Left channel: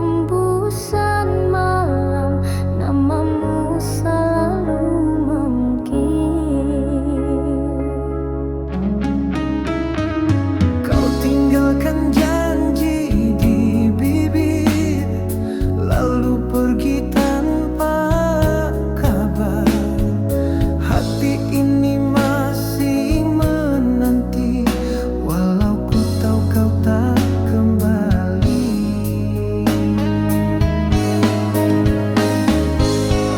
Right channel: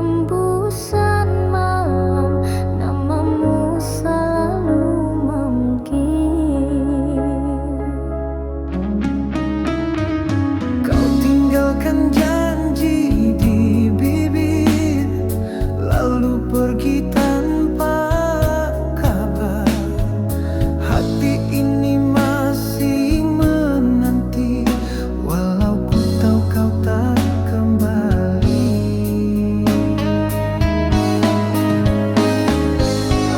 hembusan malam, namamu selalu memanggil. Kau tinggalkan janji di bibir, lalu pergi tanpa kabar. Hati ini masih menanti, walau ku tahu kau tak kembali.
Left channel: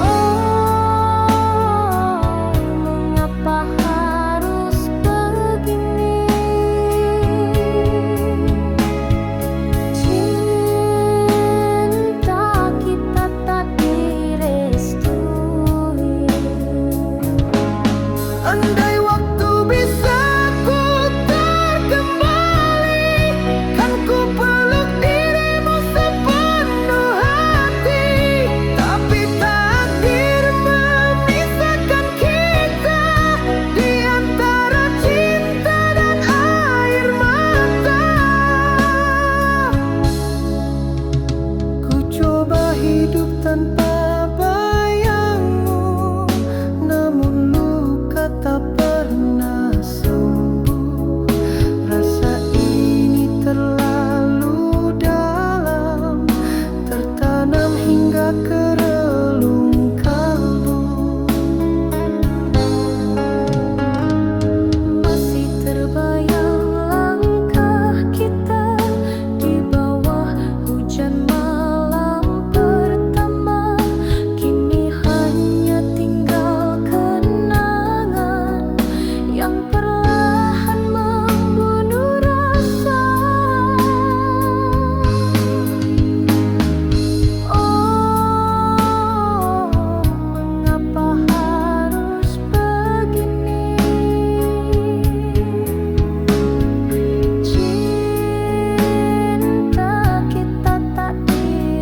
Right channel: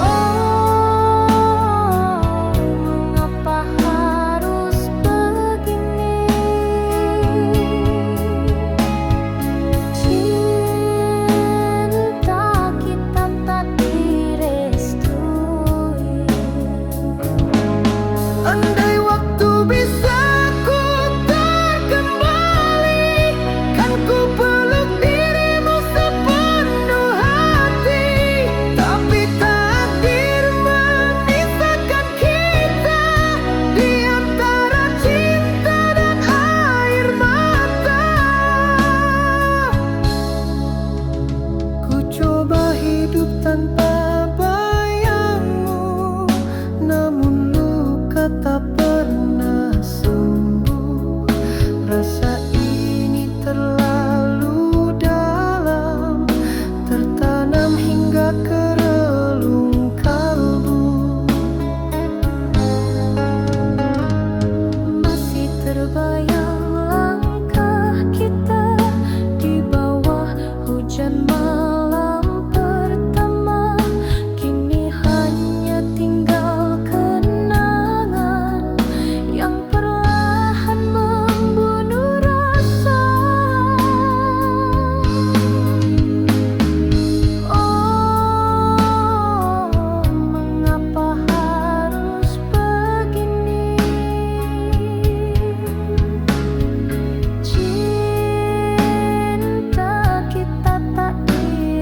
Oh, mengapa harus begini? Cinta kita tak direstui. Andai waktu bisa ku terkembali, kan ku peluk dirimu sepenuh hati. Tapi takdir memisahkan kita di antara cinta dan air mata. Ku coba hidup tanpa bayangmu, namun luka tak pernah sembuh. Rasa ini terlalu dalam, tertanam hingga ke relung kalbu. Masih terbayang langkah kita di bawah hujan malam pertama. Kini hanya tinggal kenangan yang perlahan membunuh rasa. Oh, mengapa harus begini? Cinta kita tak direstui.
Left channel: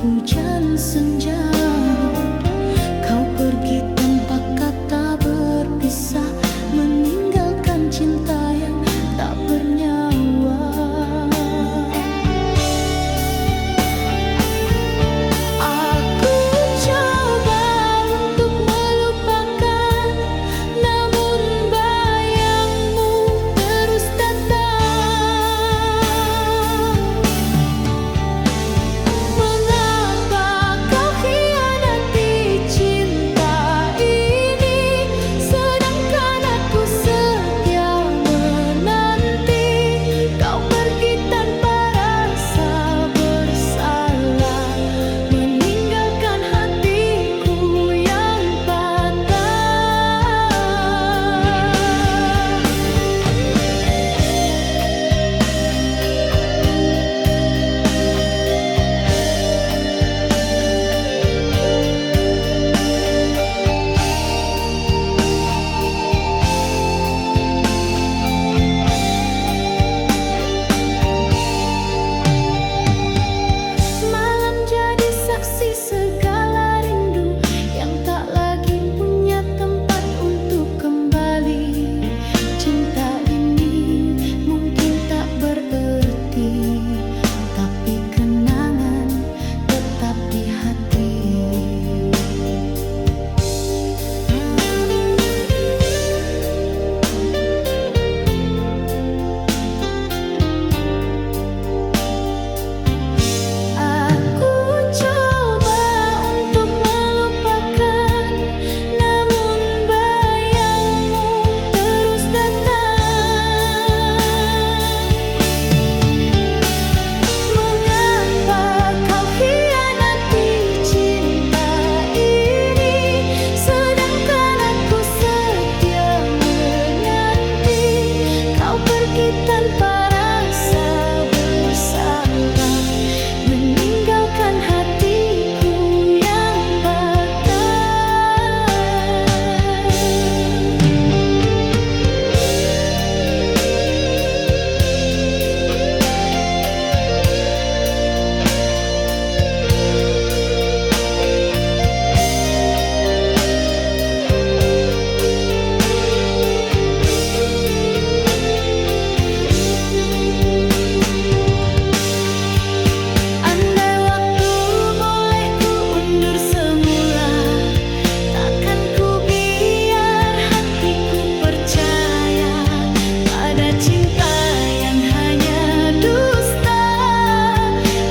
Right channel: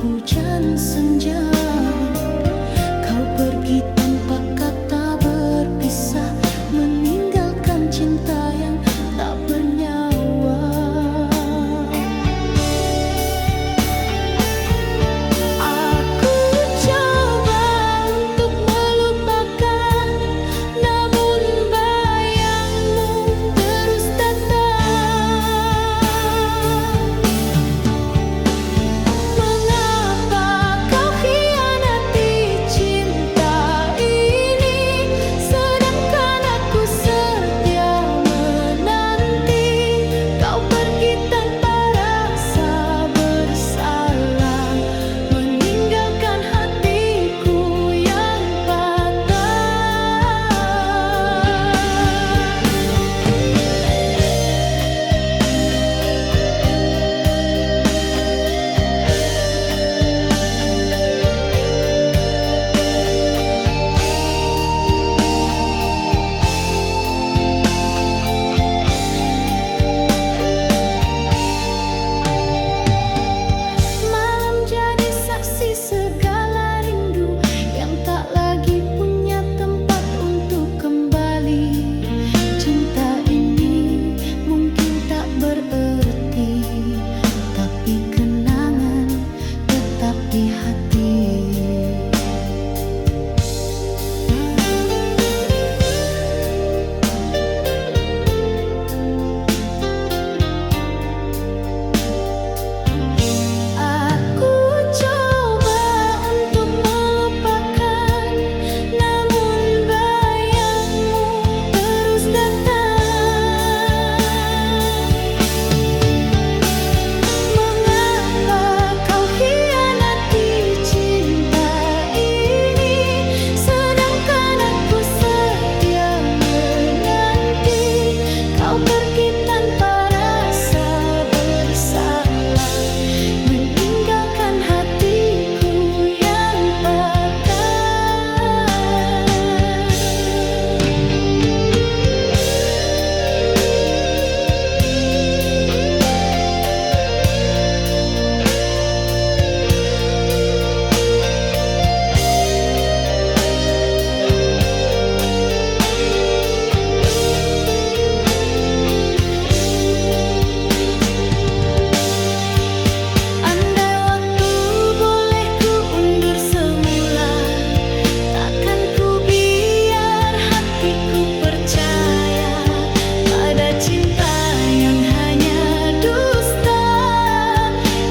hujan senja. Kau pergi tanpa kata berpisah, meninggalkan cinta yang tak bernyawa. Aku coba untuk melupakan, namun bayangmu terus datang. Mengapa kau hianati cinta ini, sedangkan aku setia menanti. Kau pergi tanpa rasa bersalah, meninggalkan hatiku yang patah. Malam jadi saksi segala rindu yang tak lagi punya tempat untuk kembali. Cinta ini mungkin tak berarti, tapi kenangan tetap di hati. Aku coba untuk melupakan, namun bayangmu terus datang. Mengapa kau hianati cinta ini, sedangkan aku setia menanti. Kau pergi tanpa rasa bersalah, meninggalkan hatiku yang patah. Andai waktu boleh ku undur semula, takkan ku biar hatiku percaya pada cinta yang hanya dusta,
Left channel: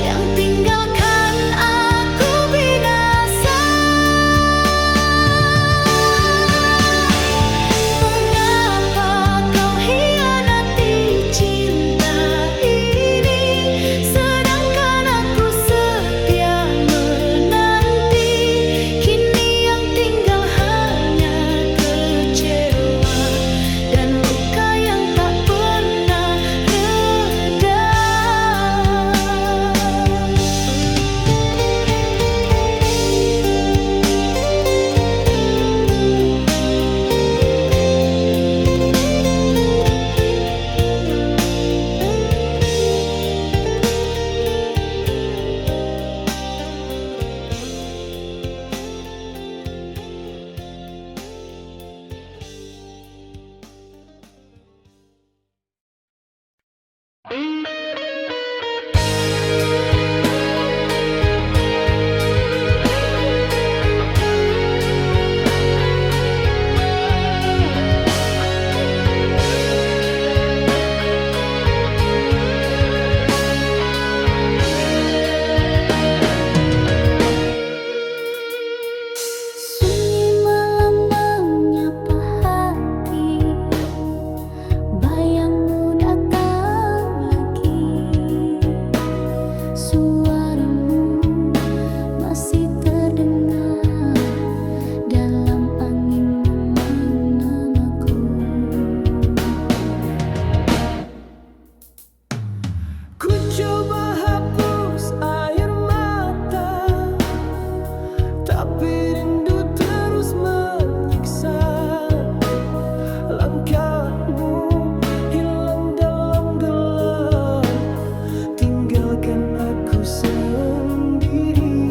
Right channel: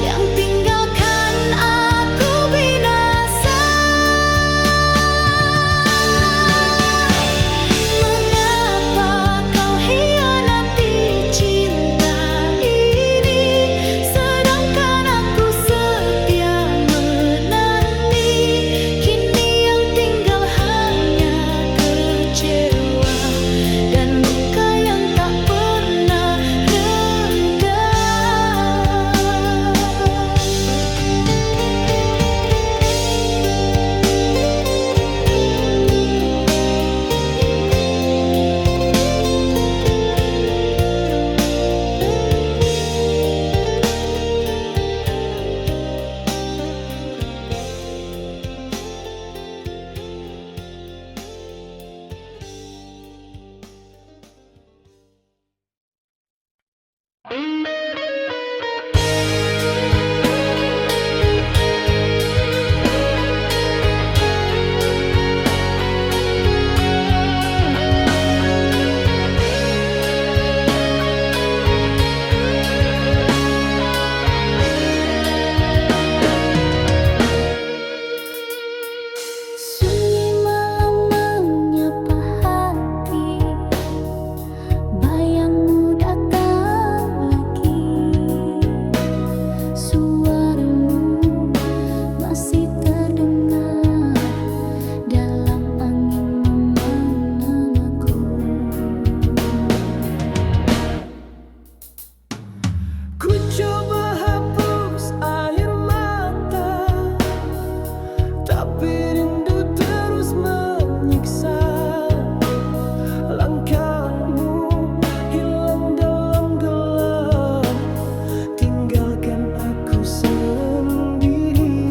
yang tinggalkan aku binasa. Mengapa kau hianati cinta ini, sedangkan aku setia menanti. Kini yang tinggal hanya kecewa dan luka yang tak pernah reda. Sunyi malam menyapa hati, bayangmu datang lagi. Suaramu masih terdengar dalam angin memang namaku. Ku coba hapus air mata, tapi rindu terus menyiksa. Langkahmu hilang dalam gelap, tinggalkan aku sendiri.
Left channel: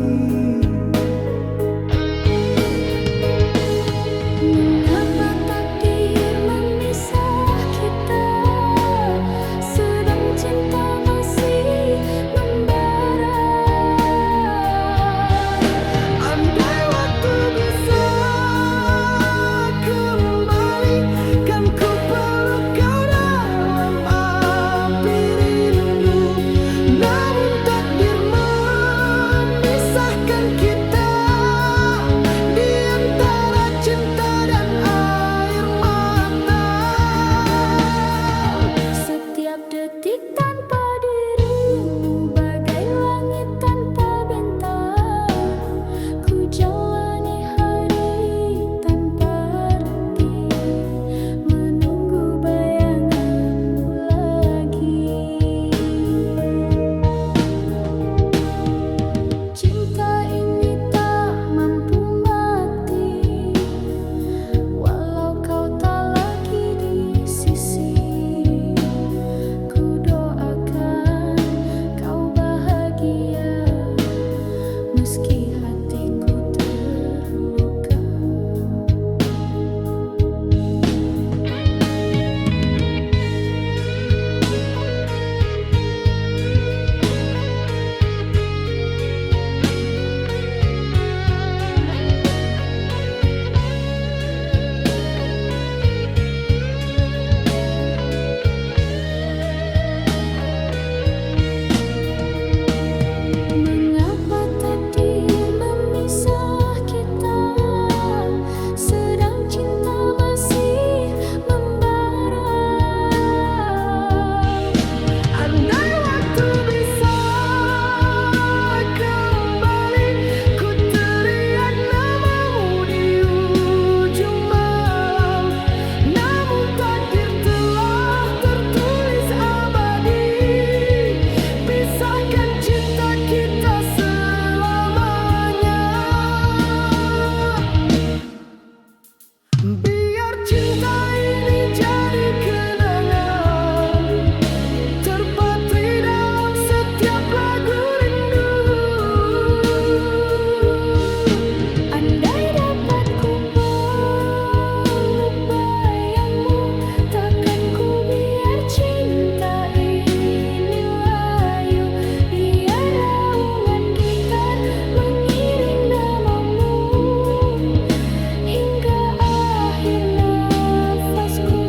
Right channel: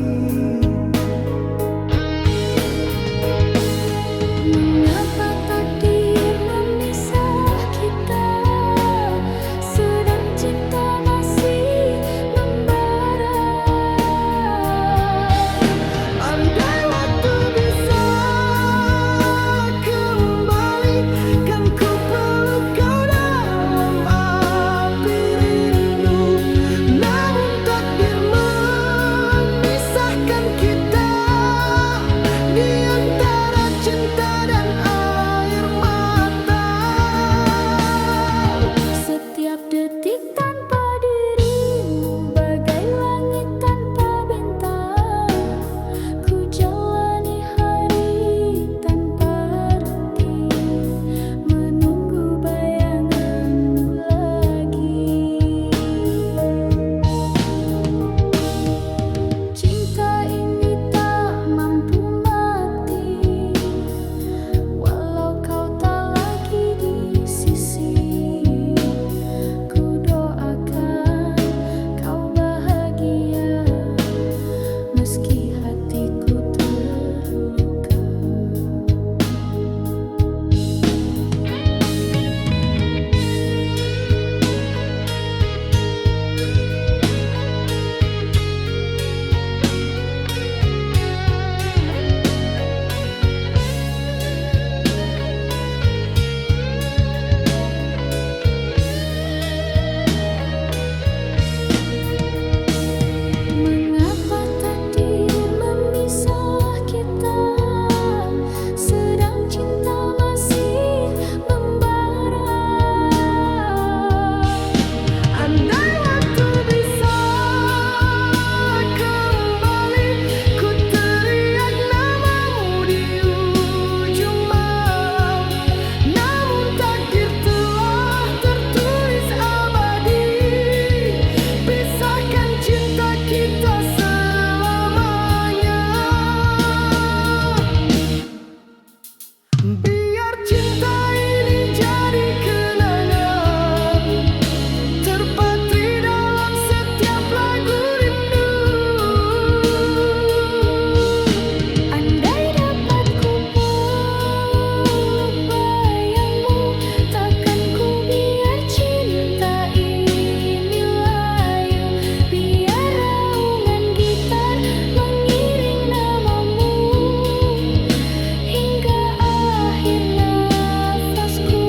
meski hatiku terluka. Mengapa takdir memisah kita, sedang cinta masih membara? Andai waktu bisa kembali, ku teriak namamu di ujung malam. Namun takdir telah tertulis abadi, pisahkan cinta kita selamanya. Biar cinta ini jadi kenangan, terpatri dalam setiap lagu rindu. Andai dapat ku peluk bayangmu, takkan ku biar cinta ini layu. Biar raungan gitar mengiring namamu hingga akhir nafasku.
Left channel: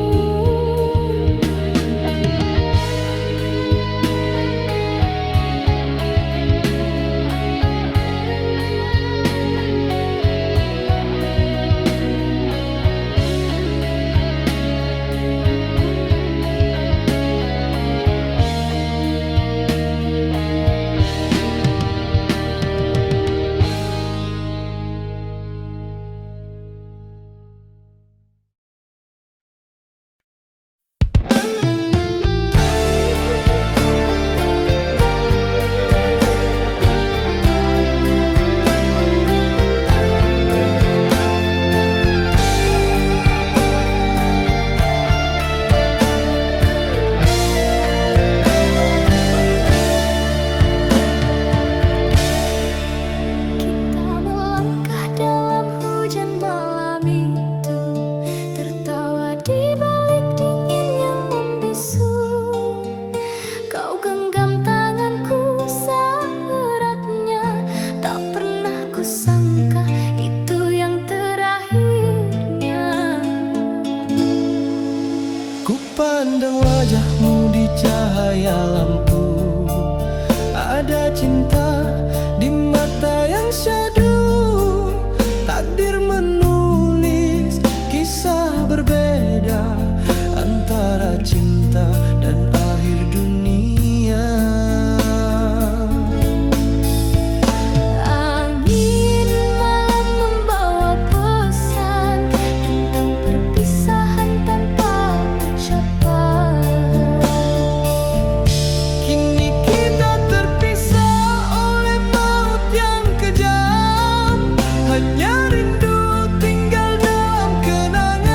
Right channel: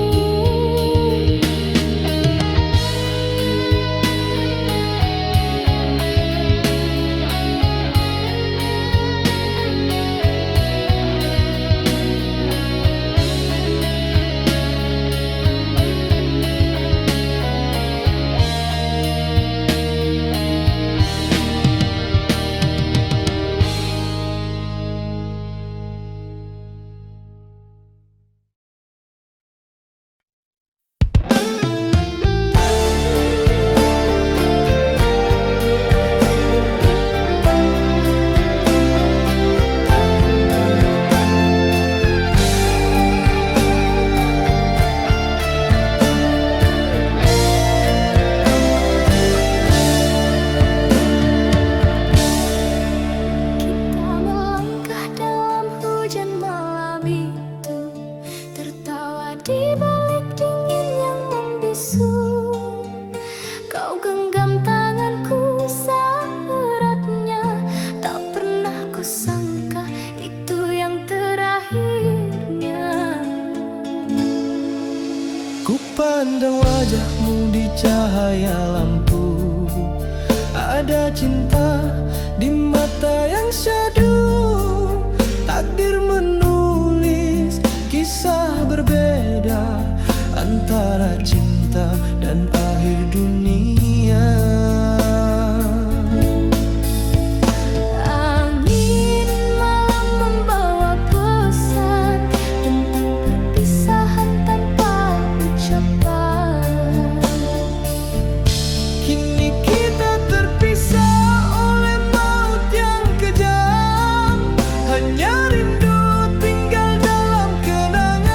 Kita melangkah dalam hujan malam itu, tertawa di balik dingin yang membisu. Kau genggam tanganku seeratnya, tak pernah kusangka itu yang terakhirnya. Ku pandang wajahmu di cahaya lampu, ada cinta di mata yang syahdu. Takdir menulis kisah berbeda antara cinta dan akhir dunia. Angin malam membawa pesan tentang perpisahan tanpa ucapan. Kini kita terpisah oleh maut yang kejam, hanya rindu tinggal dalam kenangan.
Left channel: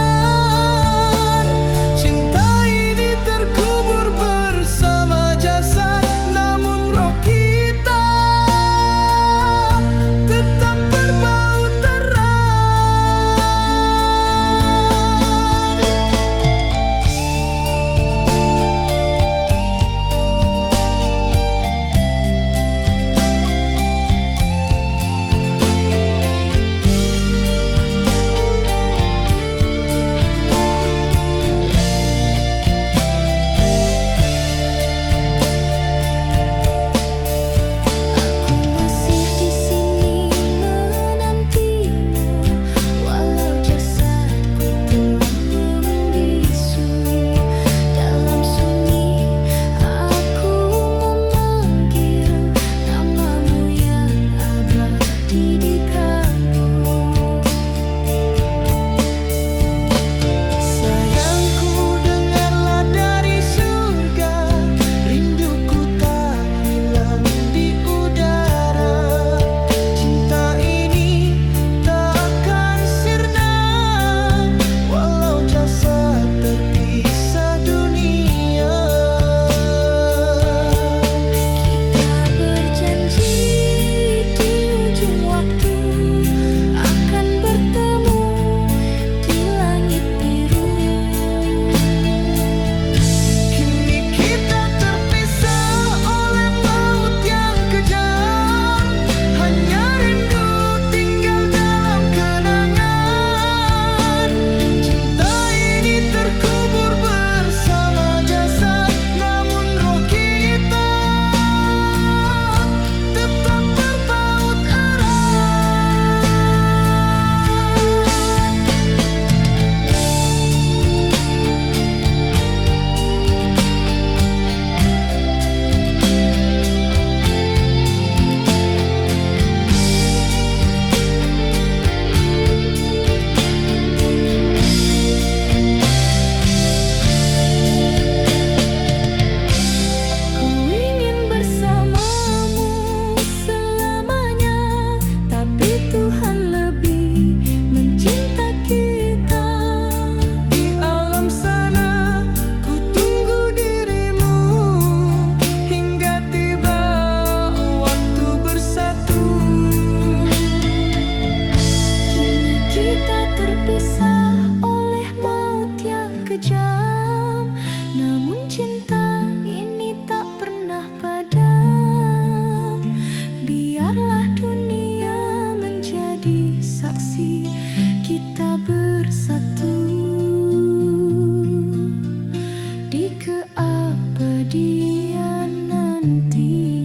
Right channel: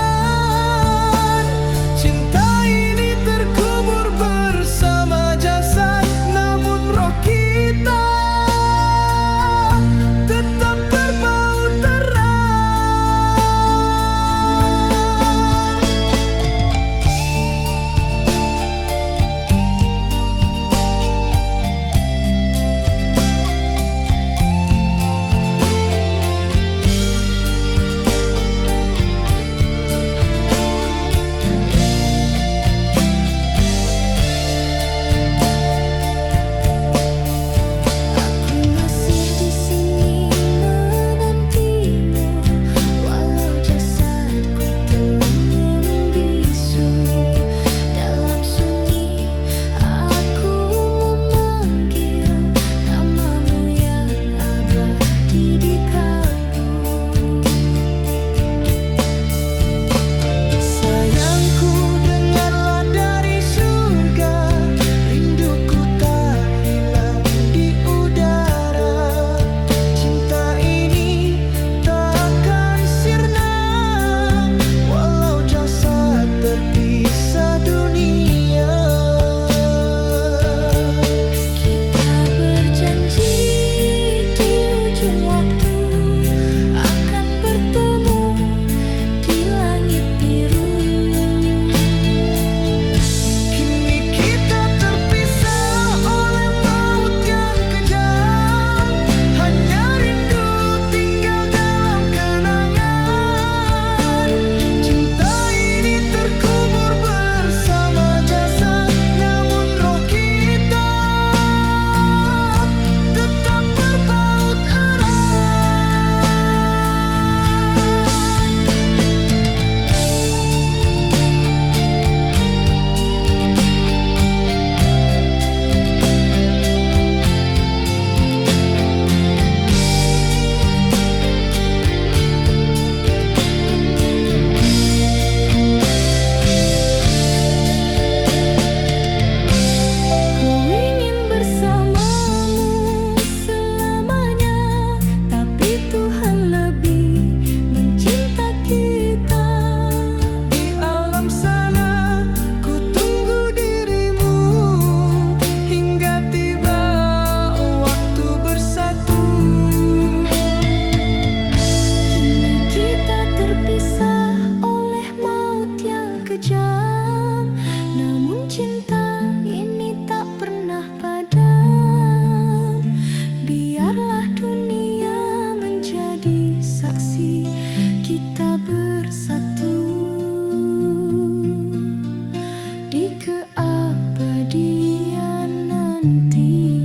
Cinta ini terkubur bersama jasad, namun kejam, namun cinta ini tak pernah padam. Biarlah dunia menjadi saksi kita bersatu di keabadian nanti.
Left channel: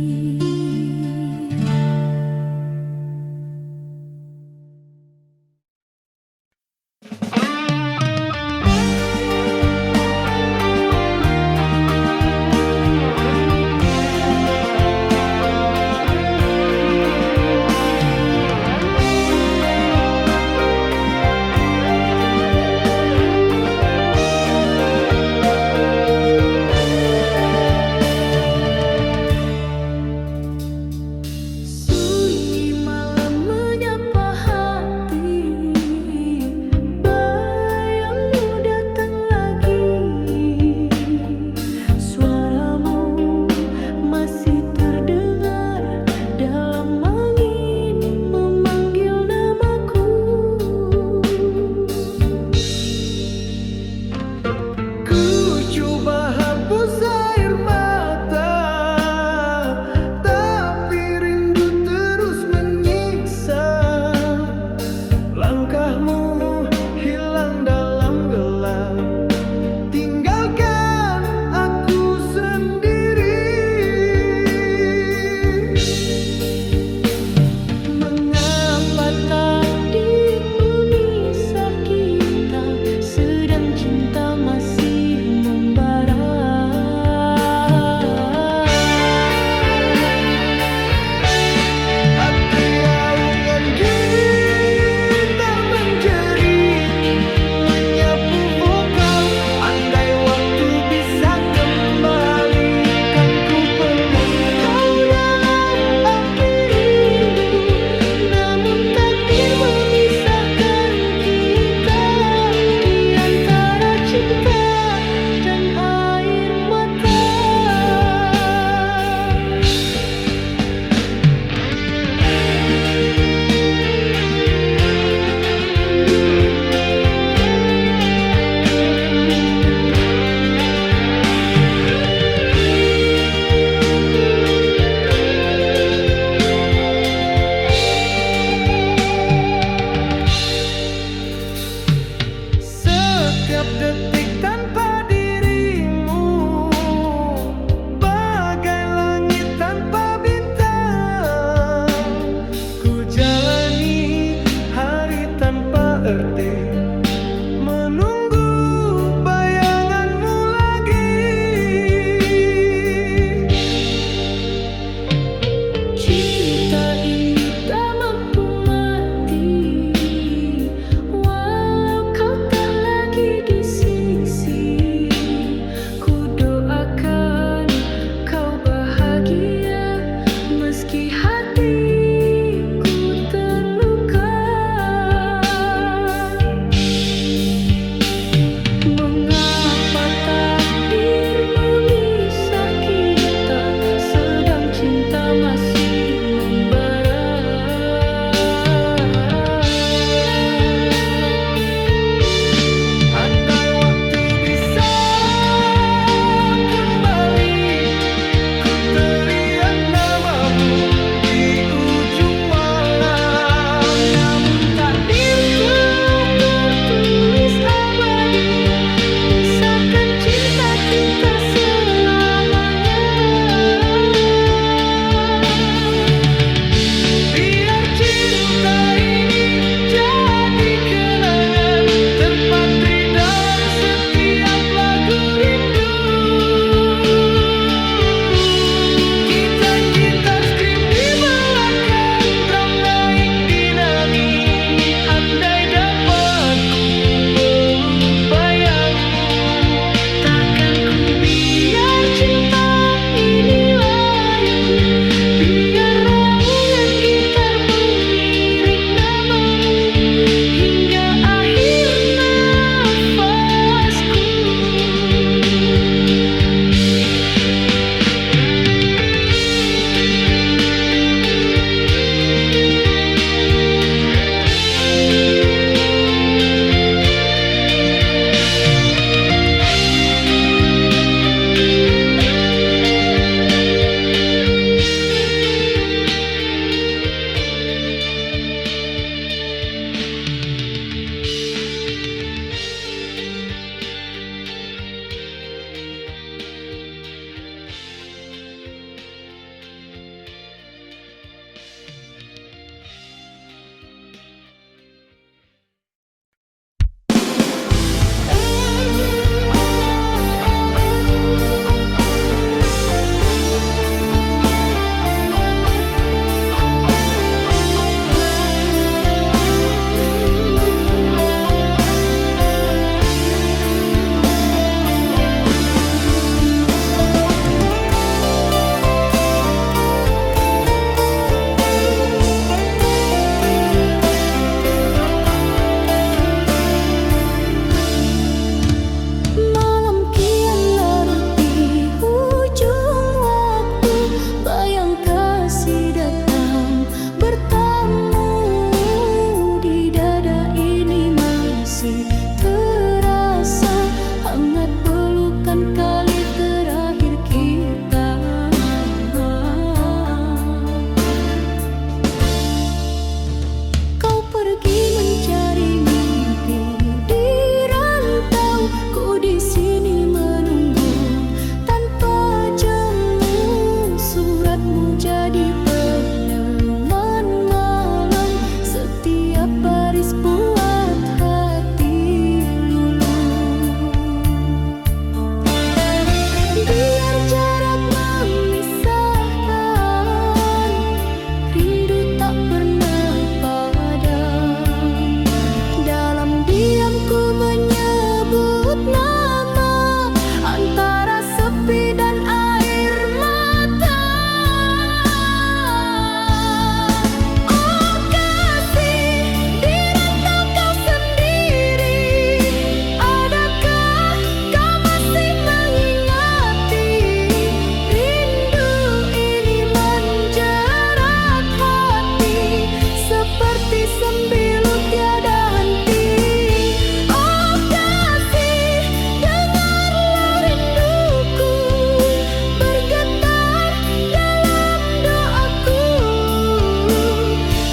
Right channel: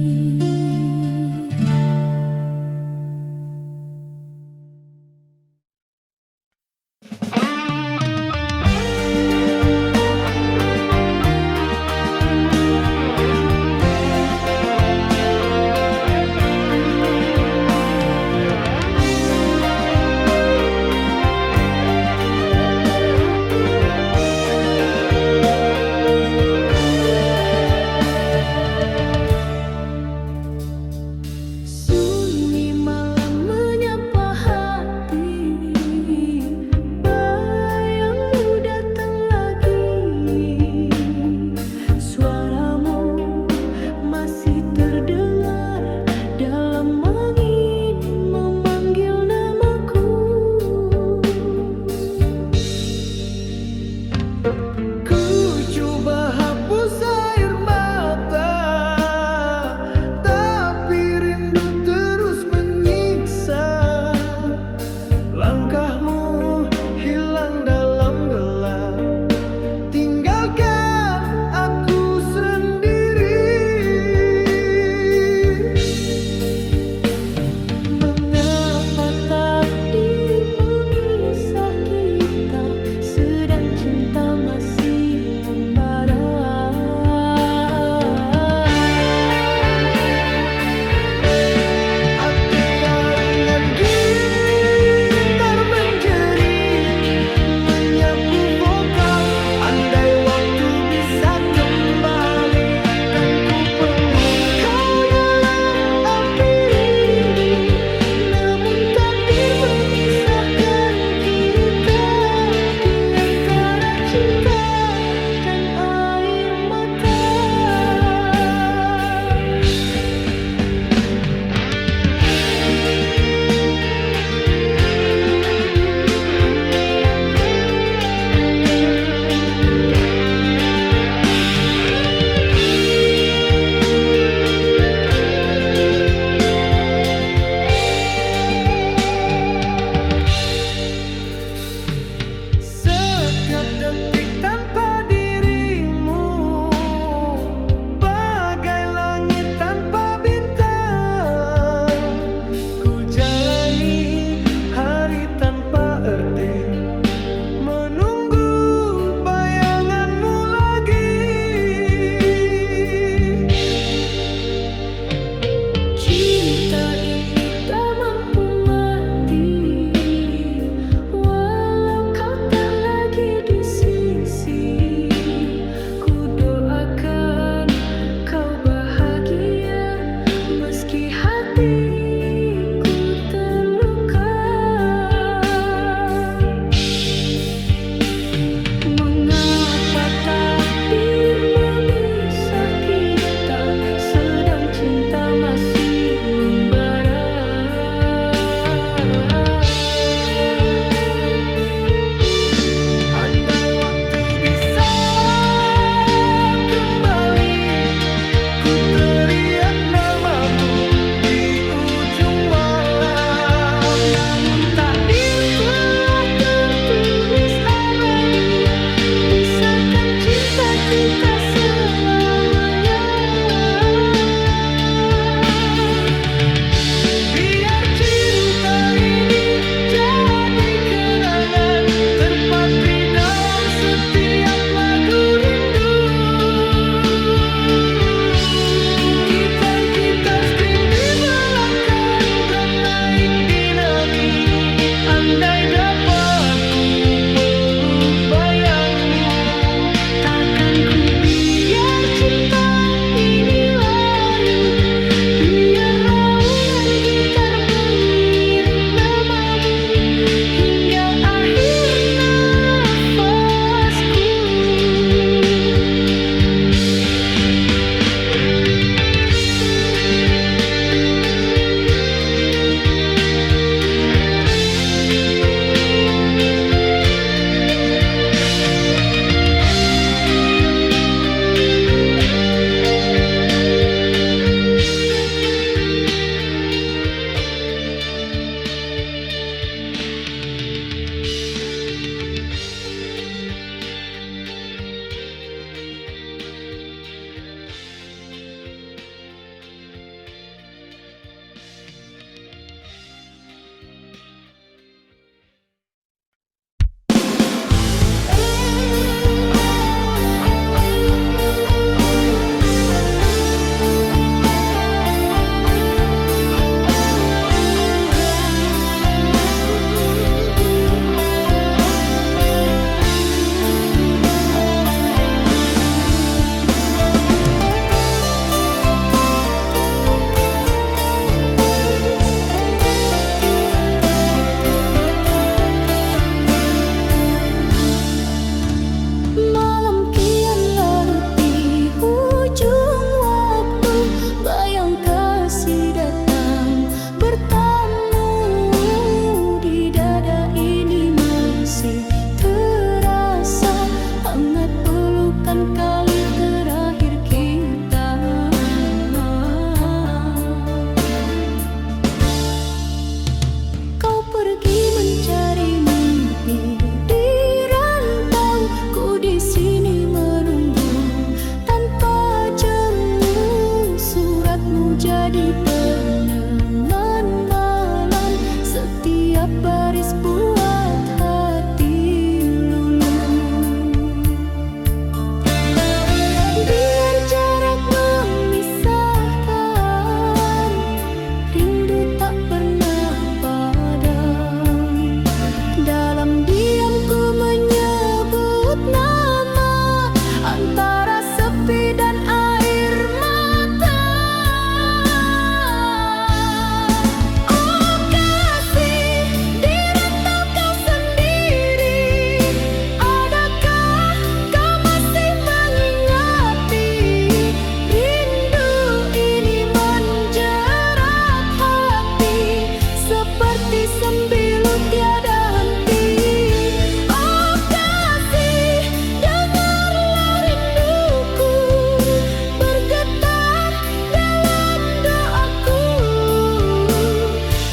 pergi mencari mimpi di rantau, ku di sini menunggu tanpa jemu. Suratmu jadi peneman malam, setiap baris buat hati lulu. Biar jarak memisahkan, rindu tak pernah padam. Dalam diam ku menyebut nama, antara sepi dan air mata. Oh kasih, di rantau kau sendiri, adakah kau masih mengingati? Rindu ini menjerat hati, seperti sembilu tiada henti. Oh kasih, dengarlah rinduku bergetar dalam doaku.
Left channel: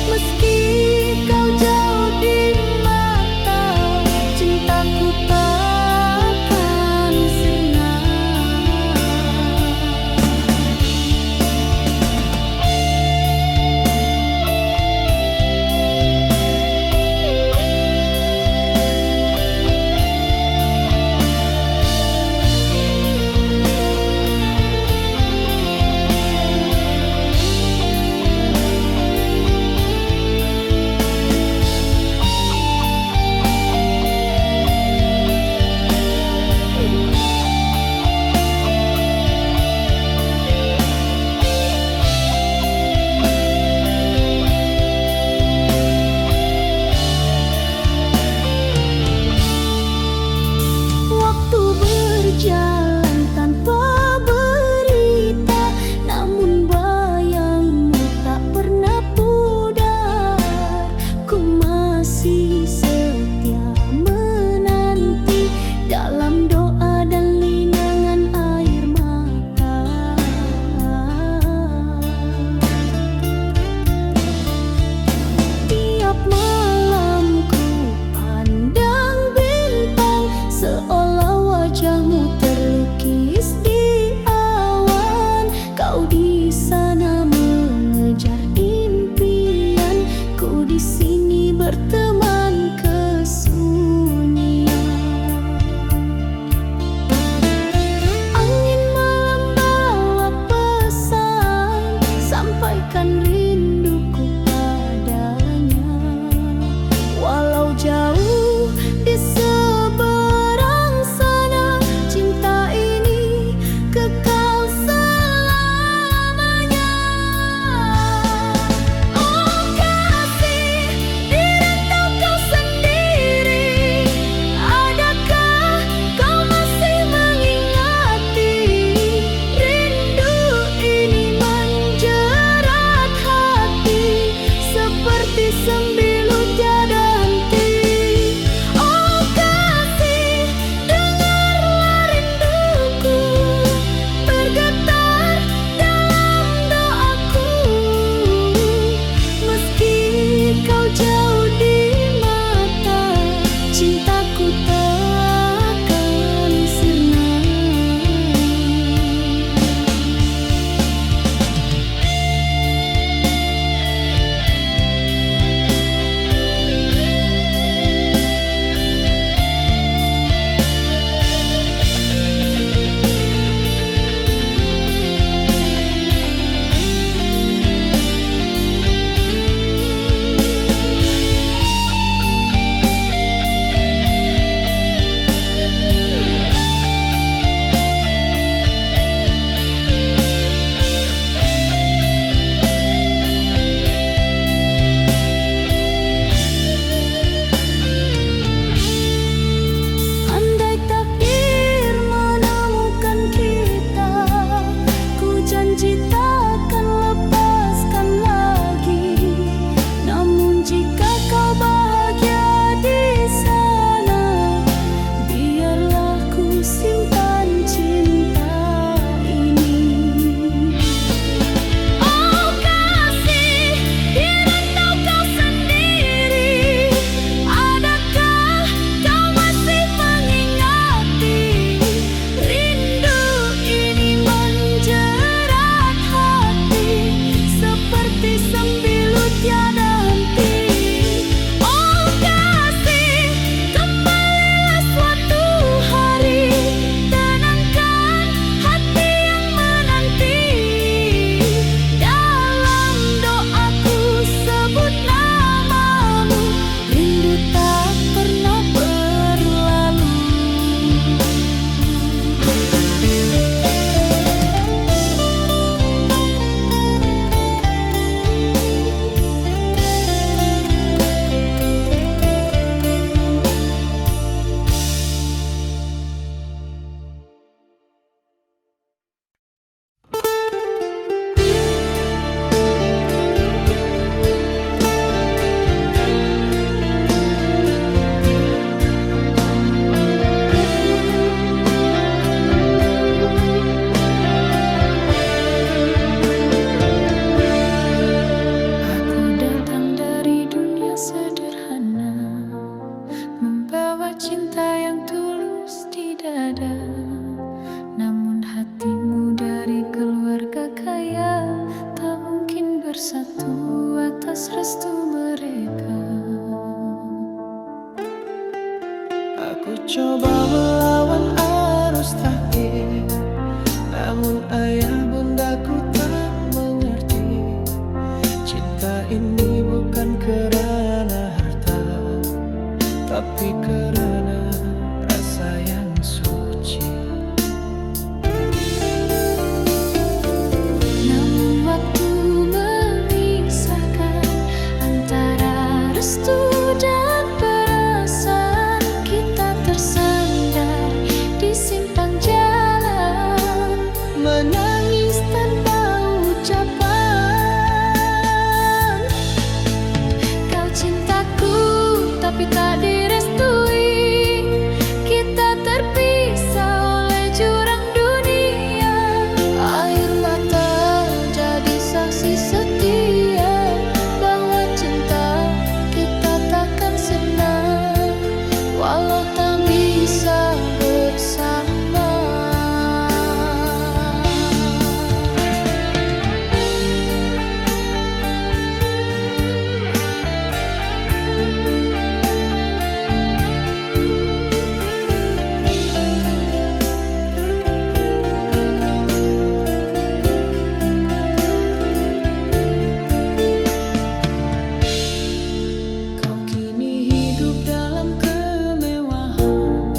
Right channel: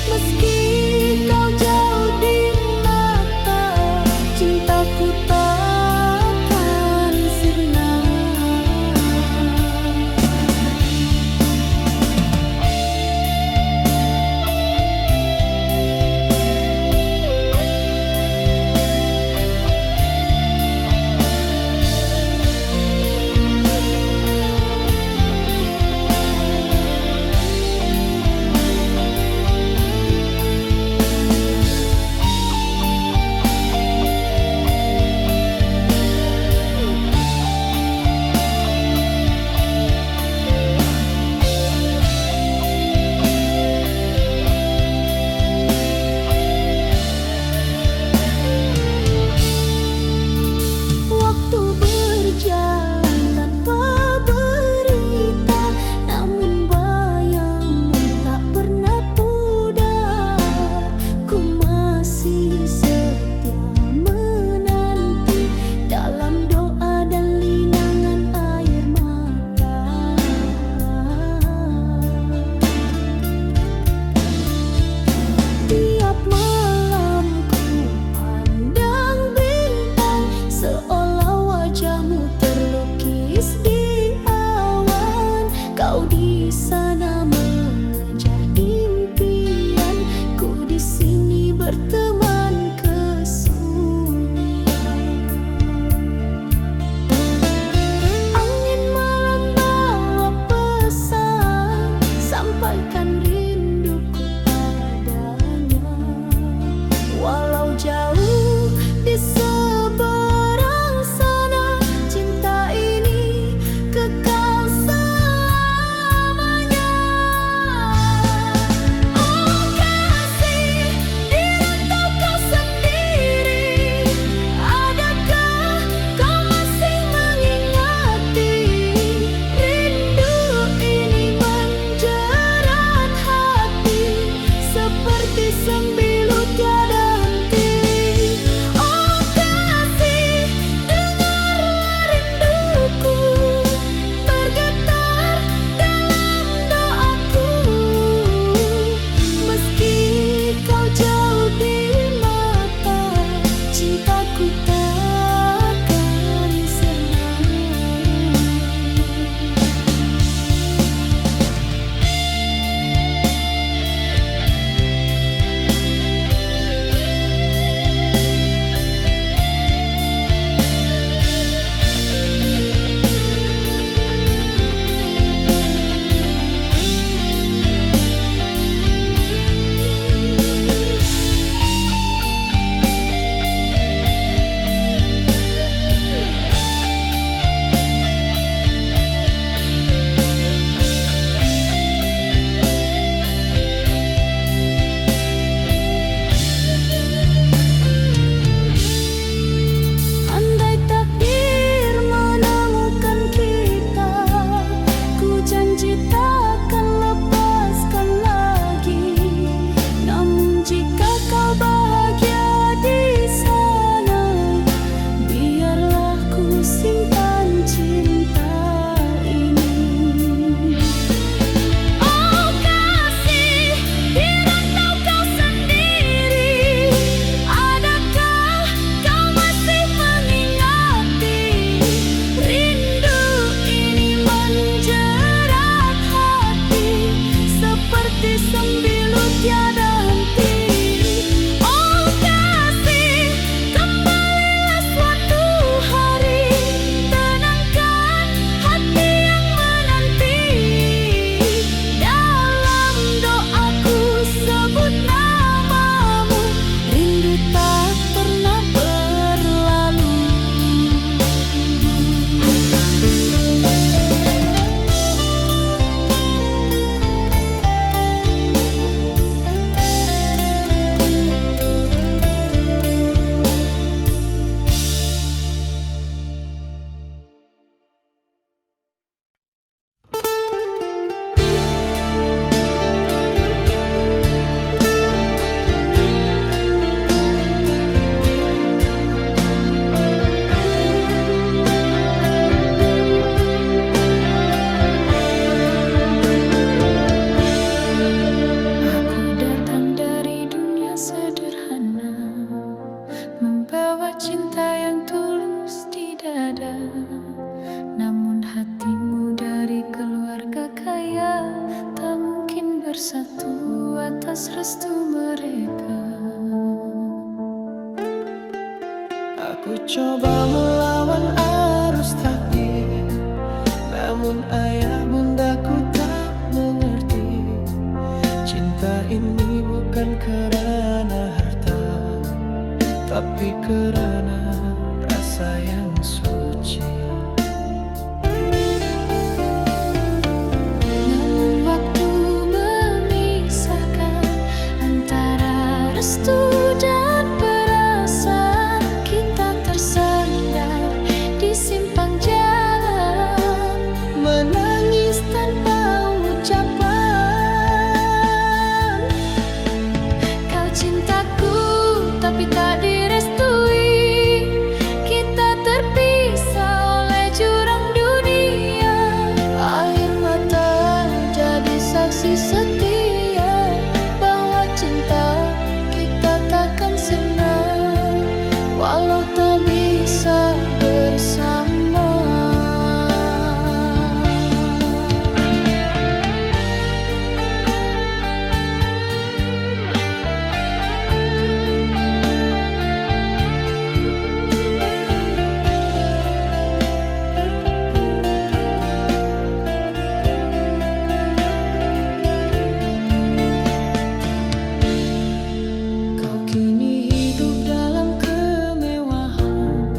Meski kau jauh di mata, cintaku takkan sirna. Waktu berjalan tanpa berita, namun bayangmu tak pernah pudar. Ku masih setia menanti dalam doa dan linangan air mata. Tiap malam ku pandang bintang, seolah wajahmu terlukis di awan. Kau di sana mengejar impian, ku di sini berteman kesunyian. Angin malam bawa pesan, sampaikan rinduku padanya. Walau jauh di seberang sana, cinta ini kekal selamanya. Oh kasih, di rantau kau sendiri, adakah kau masih mengingati? Rindu ini menjerat hati, seperti sembilu tiada henti. Oh kasih, dengarlah rinduku bergetar dalam doaku. Meski kau jauh di mata, cintaku takkan sirna. cinta yang tulus di dada. Namun hatimu dari keluarga kaya tak mungkin bersatu atas restu mereka. Aku coba melawan arus takdir, namun ayah bundaku tak mengerti. Cinta ini bukan kerana harta, tapi kerana rasa yang suci. Namun waktu memisahkan antara restu dan perasaan. Kita tersandar di simpang jalan, Menangis tanpa ucapan. kau cintaku tapi tak direstui. Kita terpisah oleh jurang dunia. Air mata jadi saksi setia bahwa cinta kita takkan sirna walau tak bisa bersama. Kau kini hidup dalam kemewahan,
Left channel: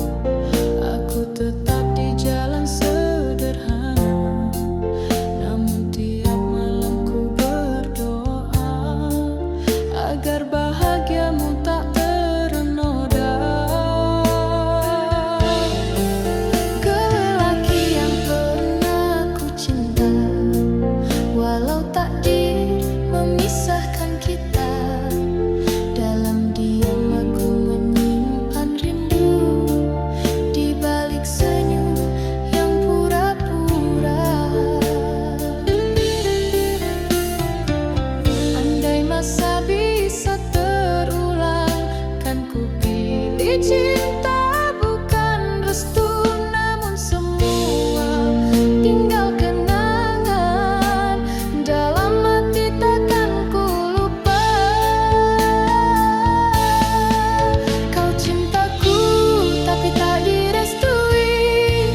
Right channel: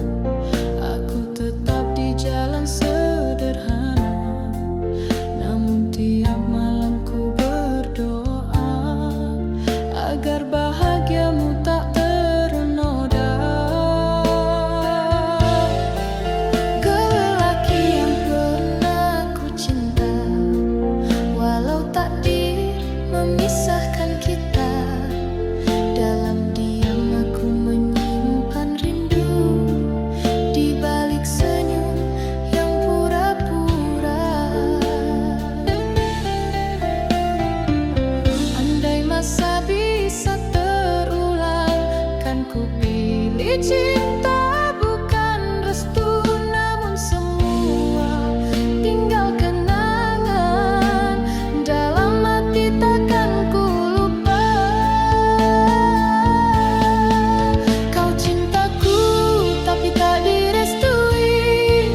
aku tetap di jalan sederhana. Namun tiap malam ku berdoa agar bahagiamu tak ternoda. Kau lelaki yang pernah ku cinta, walau takdir memisahkan kita. Dalam diam aku menyimpan rindu di balik senyum yang pura-pura. Andai masa bisa terulang, kan ku pilih cinta bukan restu. Namun semua tinggal kenangan dalam hati, takkan ku lupa. Kau cintaku tapi tak direstui.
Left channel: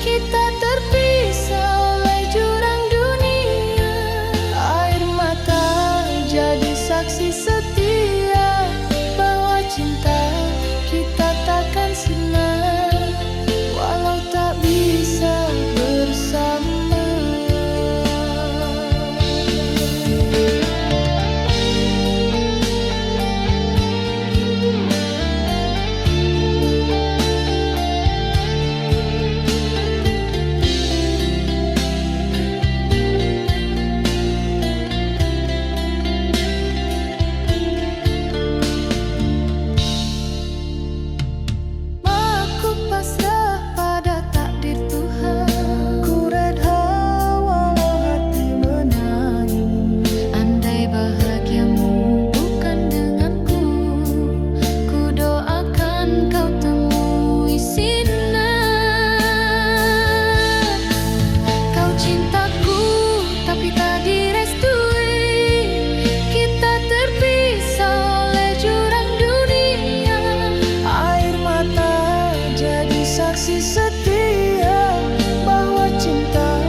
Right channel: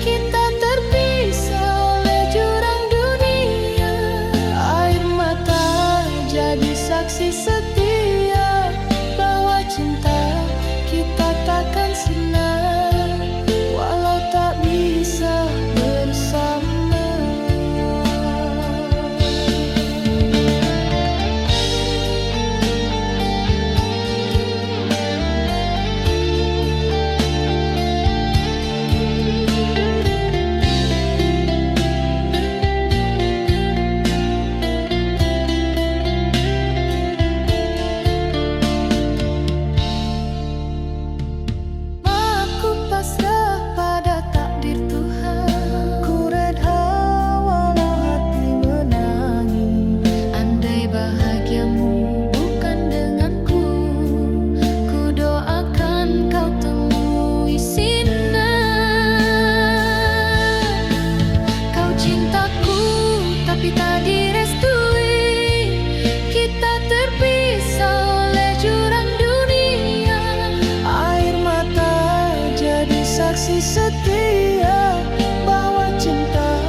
Kita terpisah oleh jurang dunia. Air mata jadi saksi setia bahwa cinta kita takkan sirna walau tak bisa bersama. Aku pasrah pada takdir Tuhan, ku redha walau hati menangis. Andai bahagiamu bukan denganku, ku doakan kau temui sinar. Kau cintaku tapi tak direstui. Kita terpisah oleh jurang dunia. Air mata jadi saksi setia bahwa cinta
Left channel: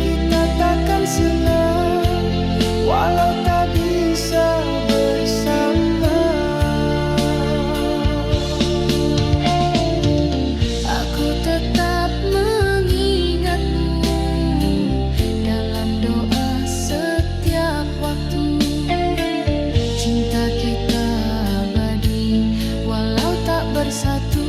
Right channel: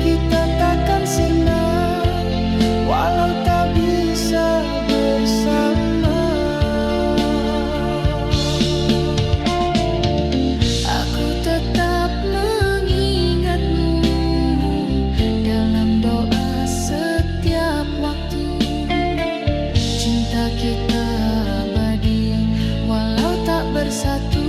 kita takkan sirna walau tak bisa bersama. Aku tetap mengingatmu dalam doa setiap waktu. Cinta kita abadi walau tak bersatu.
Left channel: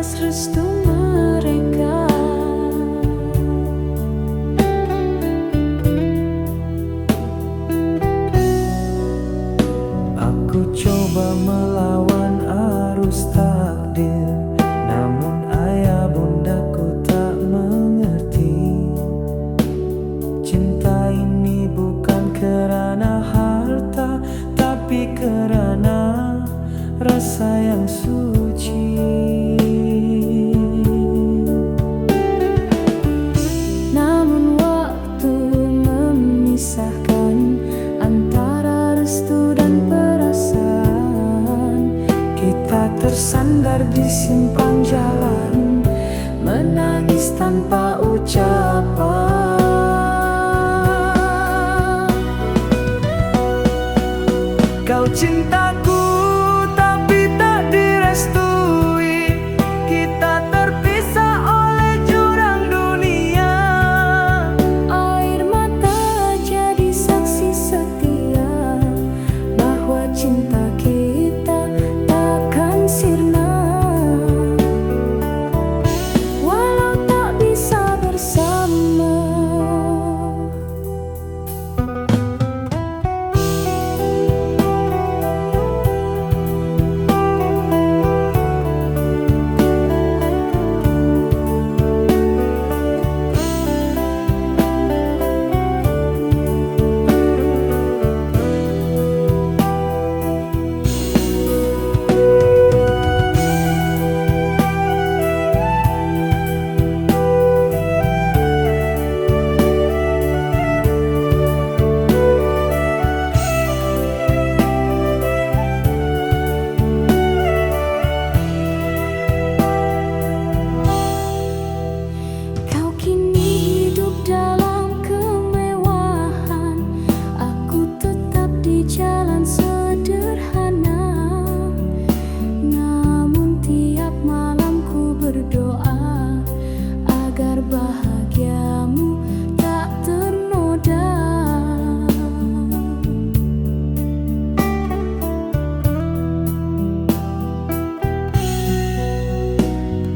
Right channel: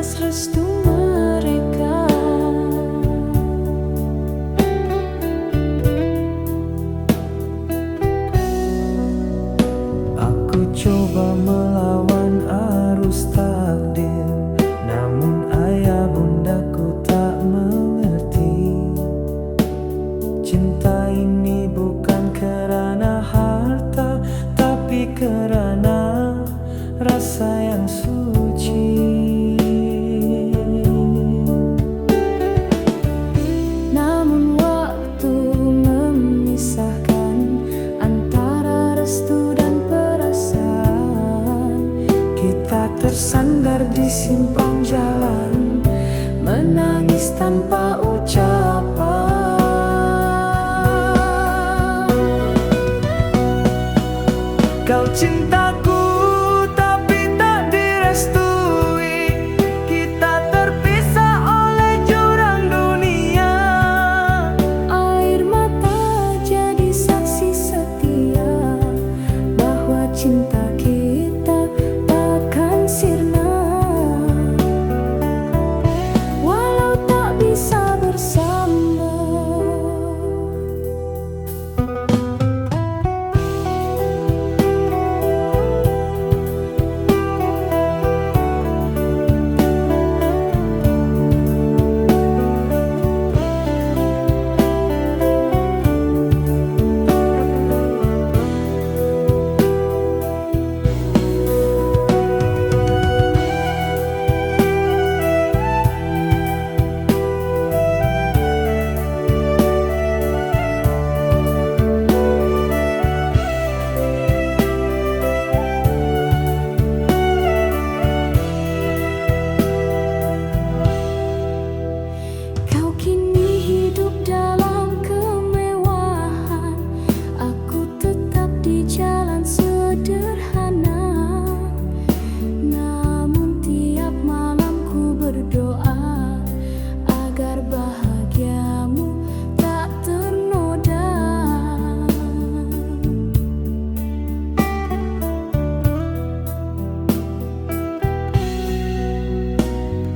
atas restu mereka. Aku coba melawan arus takdir, namun ayah bundaku tak mengerti. Cinta ini bukan kerana harta, tapi kerana rasa yang suci. Namun waktu memisahkan antara restu dan perasaan. Kita tersandar di simpang jalan, menangis tanpa ucapan. Kau cintaku tapi tak direstui, kita terpisah oleh jurang dunia. Air mata jadi saksi setia bahwa cinta kita takkan sirna, walau tak bisa bersama. Kau kini hidup dalam kemewahan, aku tetap di jalan sederhana. Namun tiap malam ku berdoa agar bahagiamu tak ternoda.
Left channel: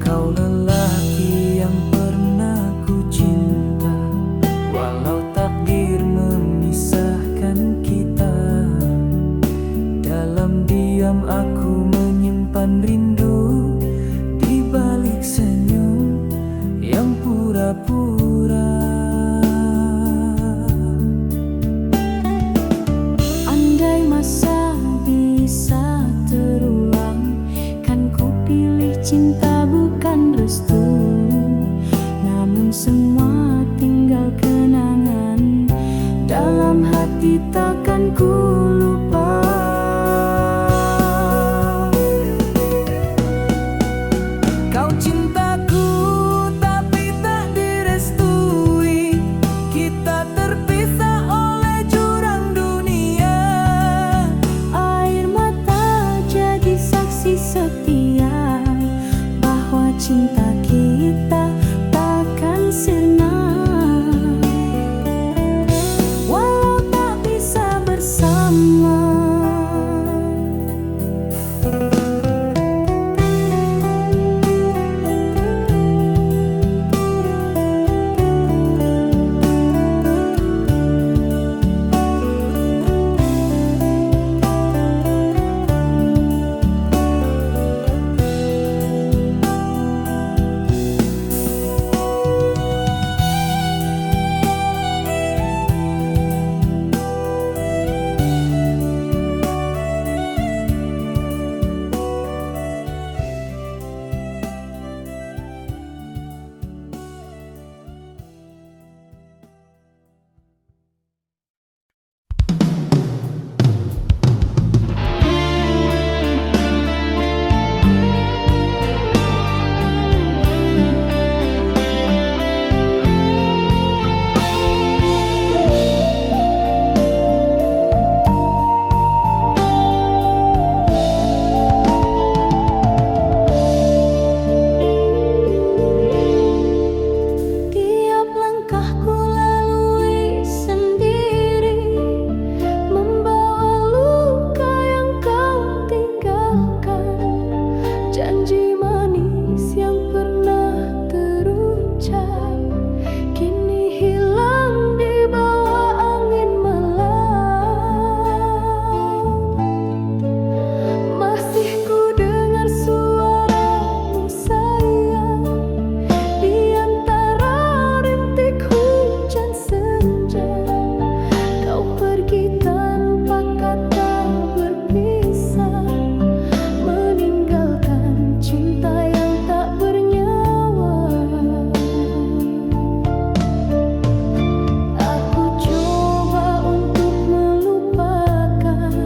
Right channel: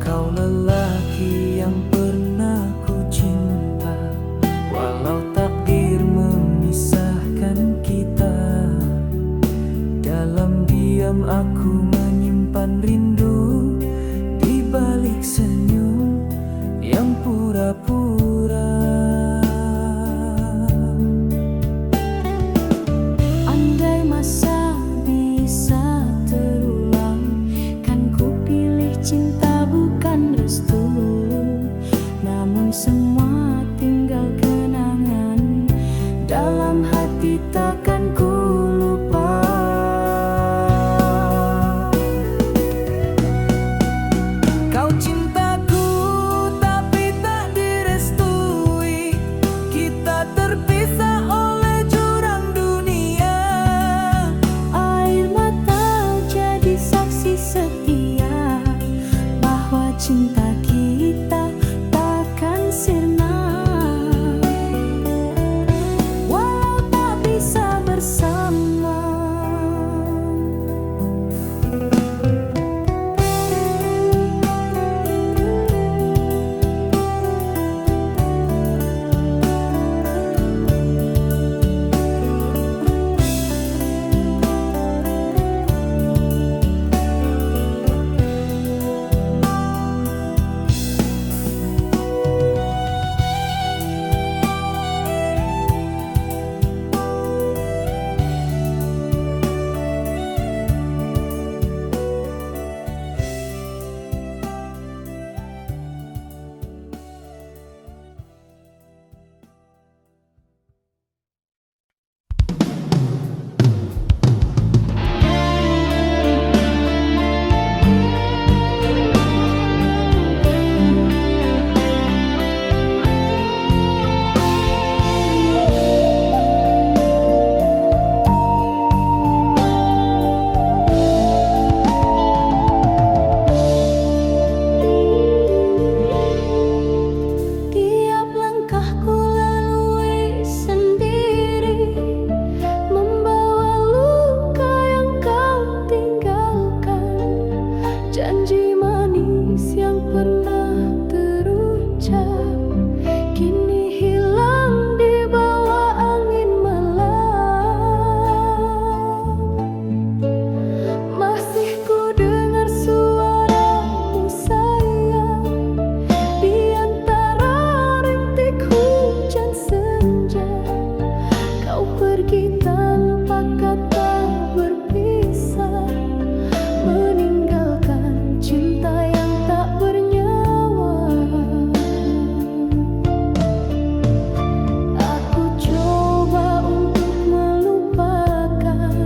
Kau lelaki yang pernah ku cinta, walau takdir memisahkan kita. Dalam diam aku menyimpan rindu, di balik senyum yang pura-pura. Andai masa bisa terulang, kan ku pilih cinta bukan restu. Namun semua tinggal kenangan, dalam hati takkan ku lupa. Kau cintaku tapi tak direstui, kita terpisah oleh jurang dunia. Air mata jadi saksi setia bahwa cinta kita takkan sirna, walau tak bisa bersama. janji manis manis yang pernah terucap kini hilang di bawah angin malam. Masih ku dengar suaramu sayang di antara rintik hujan senja. Kau pergi tanpa kata berpisah, meninggalkan cinta yang tak bernyawa. Aku coba untuk melupakan,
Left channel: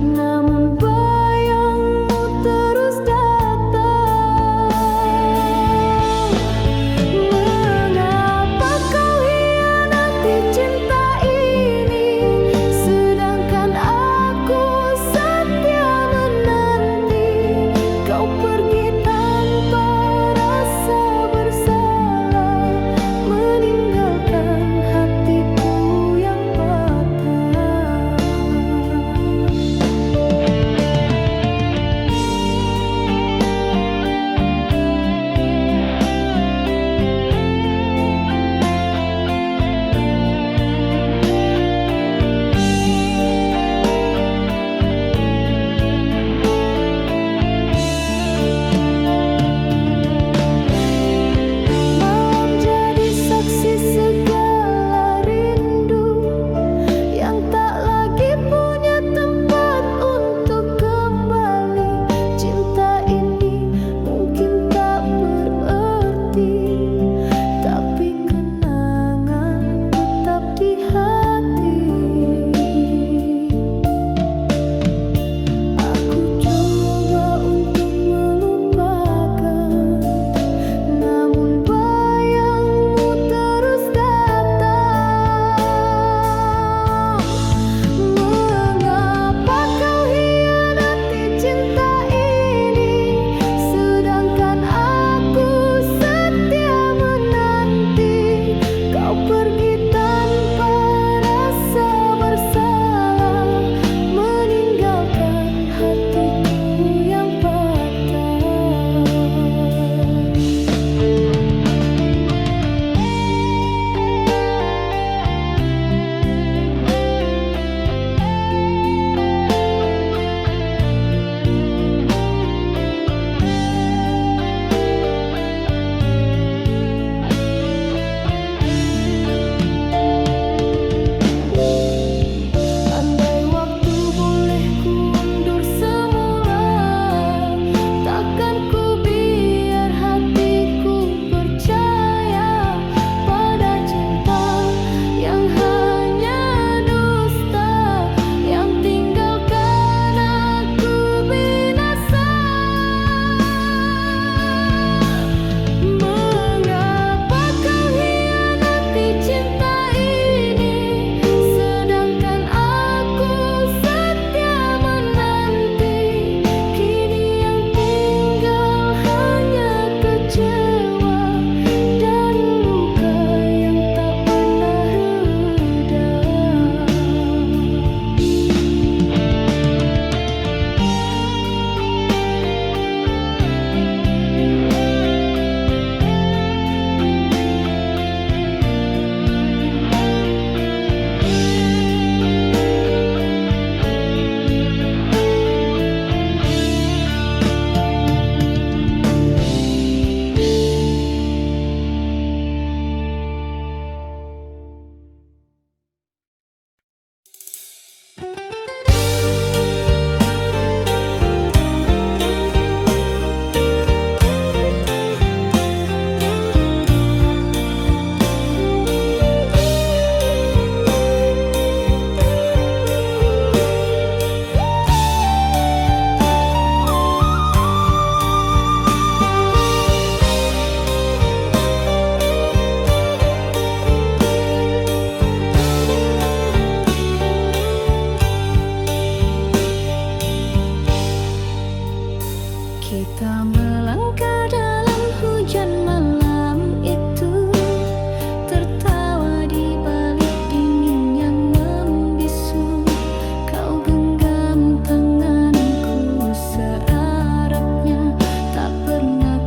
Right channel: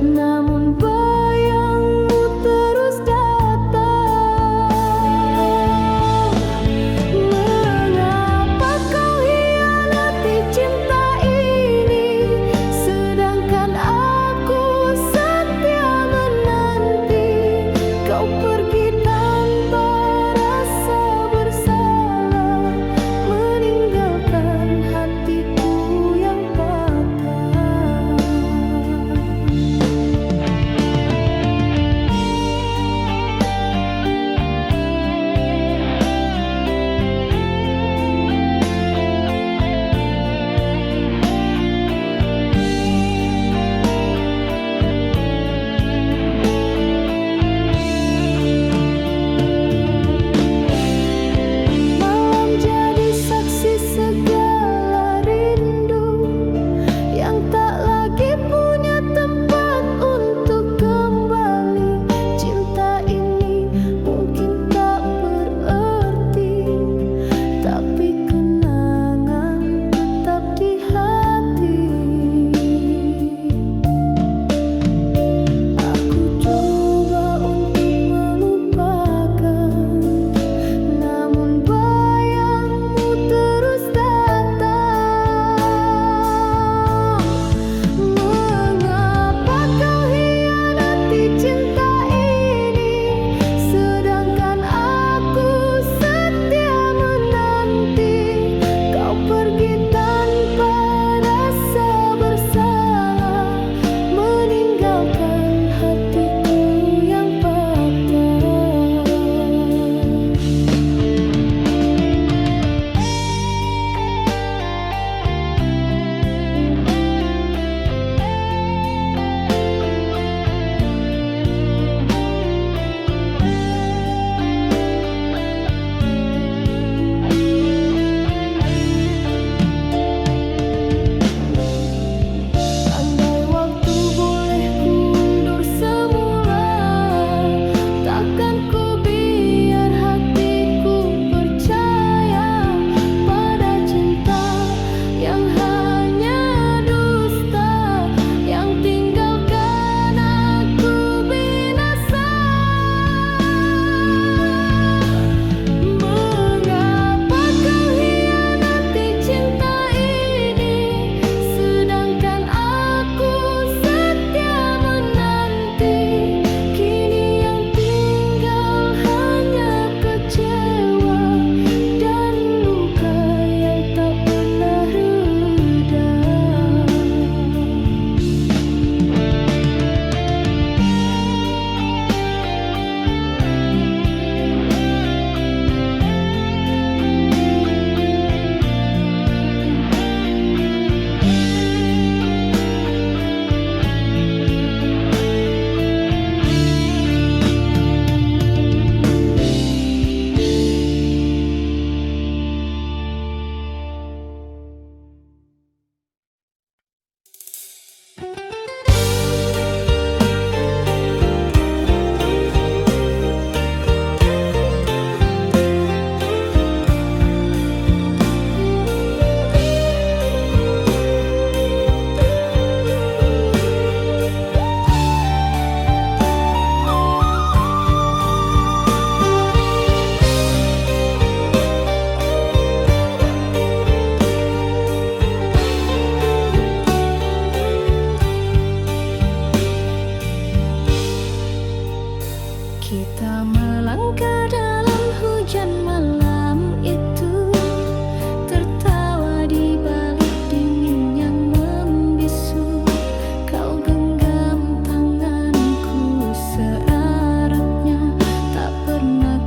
namun bayangmu terus datang. Mengapa kau hianati cinta ini, sedangkan aku setia menanti. Kau pergi tanpa rasa bersalah, meninggalkan hatiku yang patah. Malam jadi saksi segala rindu yang tak lagi punya tempat untuk kembali. Cinta ini mungkin tak berarti, tapi kenangan tetap di hati. Aku coba untuk melupakan, namun bayangmu terus datang. Mengapa kau hianati cinta ini, sedangkan aku setia menanti. Kau pergi tanpa rasa bersalah, meninggalkan hatiku yang patah. Andai waktu boleh kundur semula, takkan ku biar hatiku percaya pada cinta yang hanya dusta, yang tinggalkan aku binasa. Mengapa kau hianati cinta ini, sedangkan aku setia menanti. Kini yang tinggal hanya kecewa dan luka yang tak pernah reda. Kita melangkah dalam hujan malam itu, tertawa di balik dingin yang membisu. Kau genggam tanganku seeratnya, tak pernah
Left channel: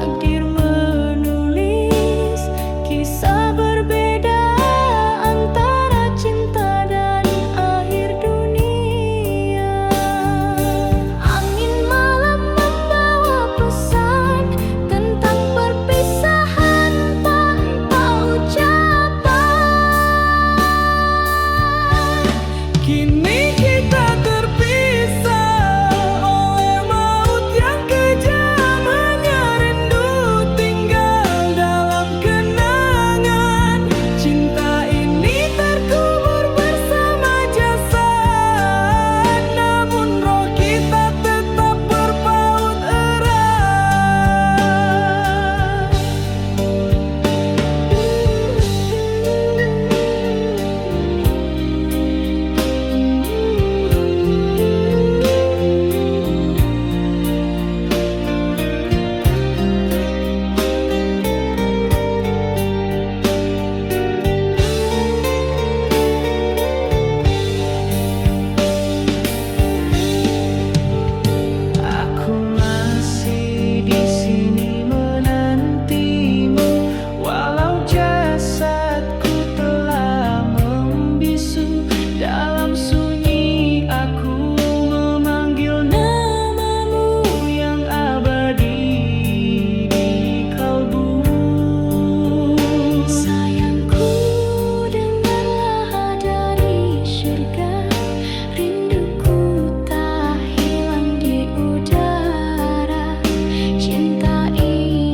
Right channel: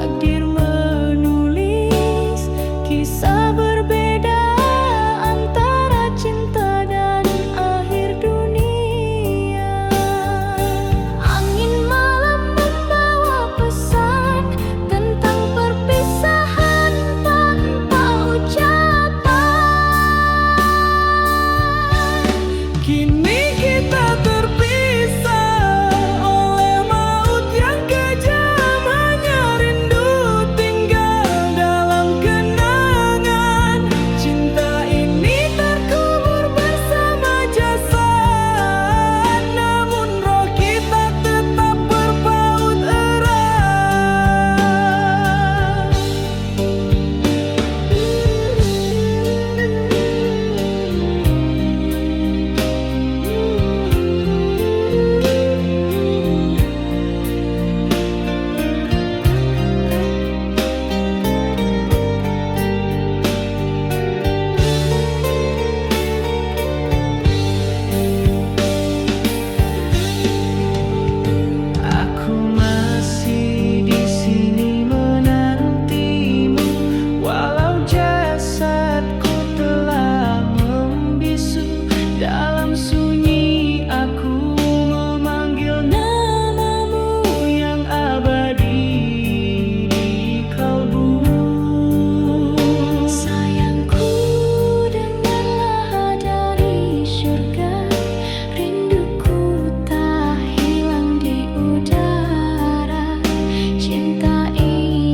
Takdir menulis kisah berbeda antara cinta dan akhir dunia. Angin malam membawa pesan tentang perpisahan tanpa ucapan. Kini kita terpisah oleh maut yang kejam. Hanya rindu tinggal dalam kenangan. Cinta ini terkubur bersama jasad, namun roh kita tetap berpaut erat. Aku masih di sini menantimu, walau jasadku telah membisu. Dalam sunyi aku memanggil namamu yang abadi di kalbu. Sayangku, dengarlah dari surga, rinduku tak hilang di udara. Cinta ini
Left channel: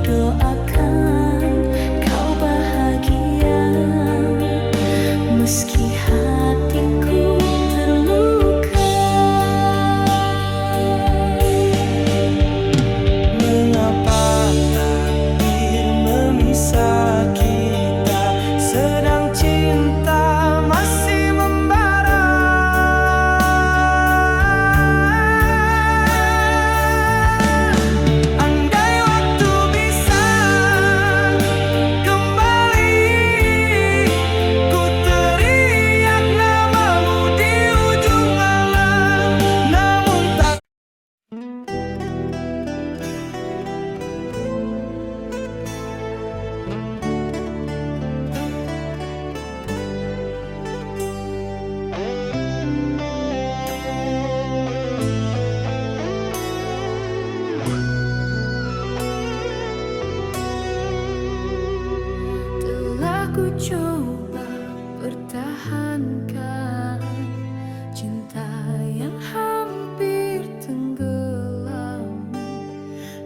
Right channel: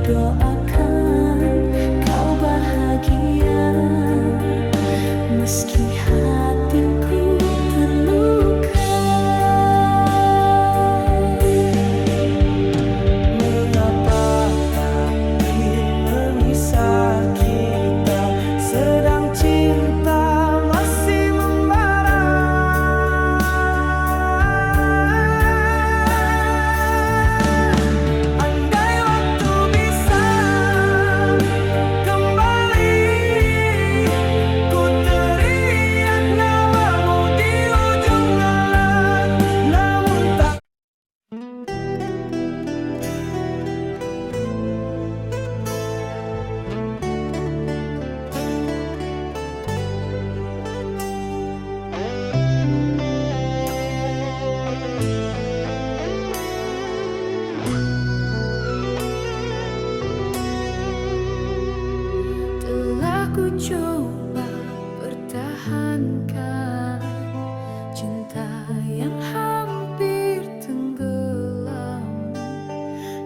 doakan kau bahagia, meski hatiku terluka. Mengapa takdir memisah kita, sedang cinta masih membara? Andai waktu bisa kembali, ku teriak namamu di ujung alam. Namun tak Telah ku coba pertahankan cinta yang hampir tenggelam,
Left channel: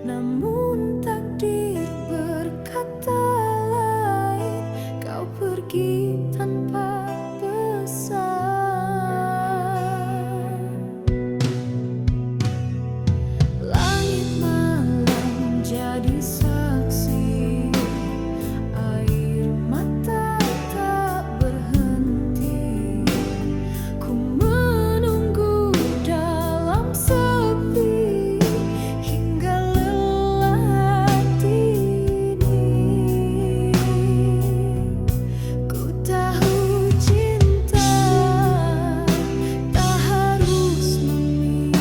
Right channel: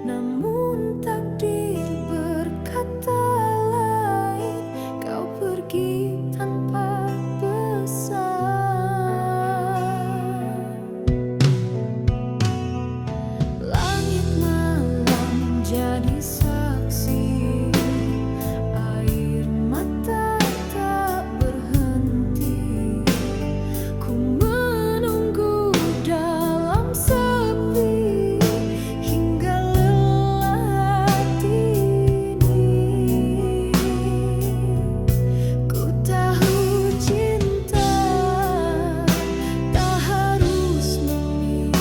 namun takdir berkata lain, kau pergi tanpa pesan. Langit malam jadi saksi, air mata tak berhenti. Ku menunggu dalam sepi hingga lelah dini. Ku tahu cinta tak harus memiliki,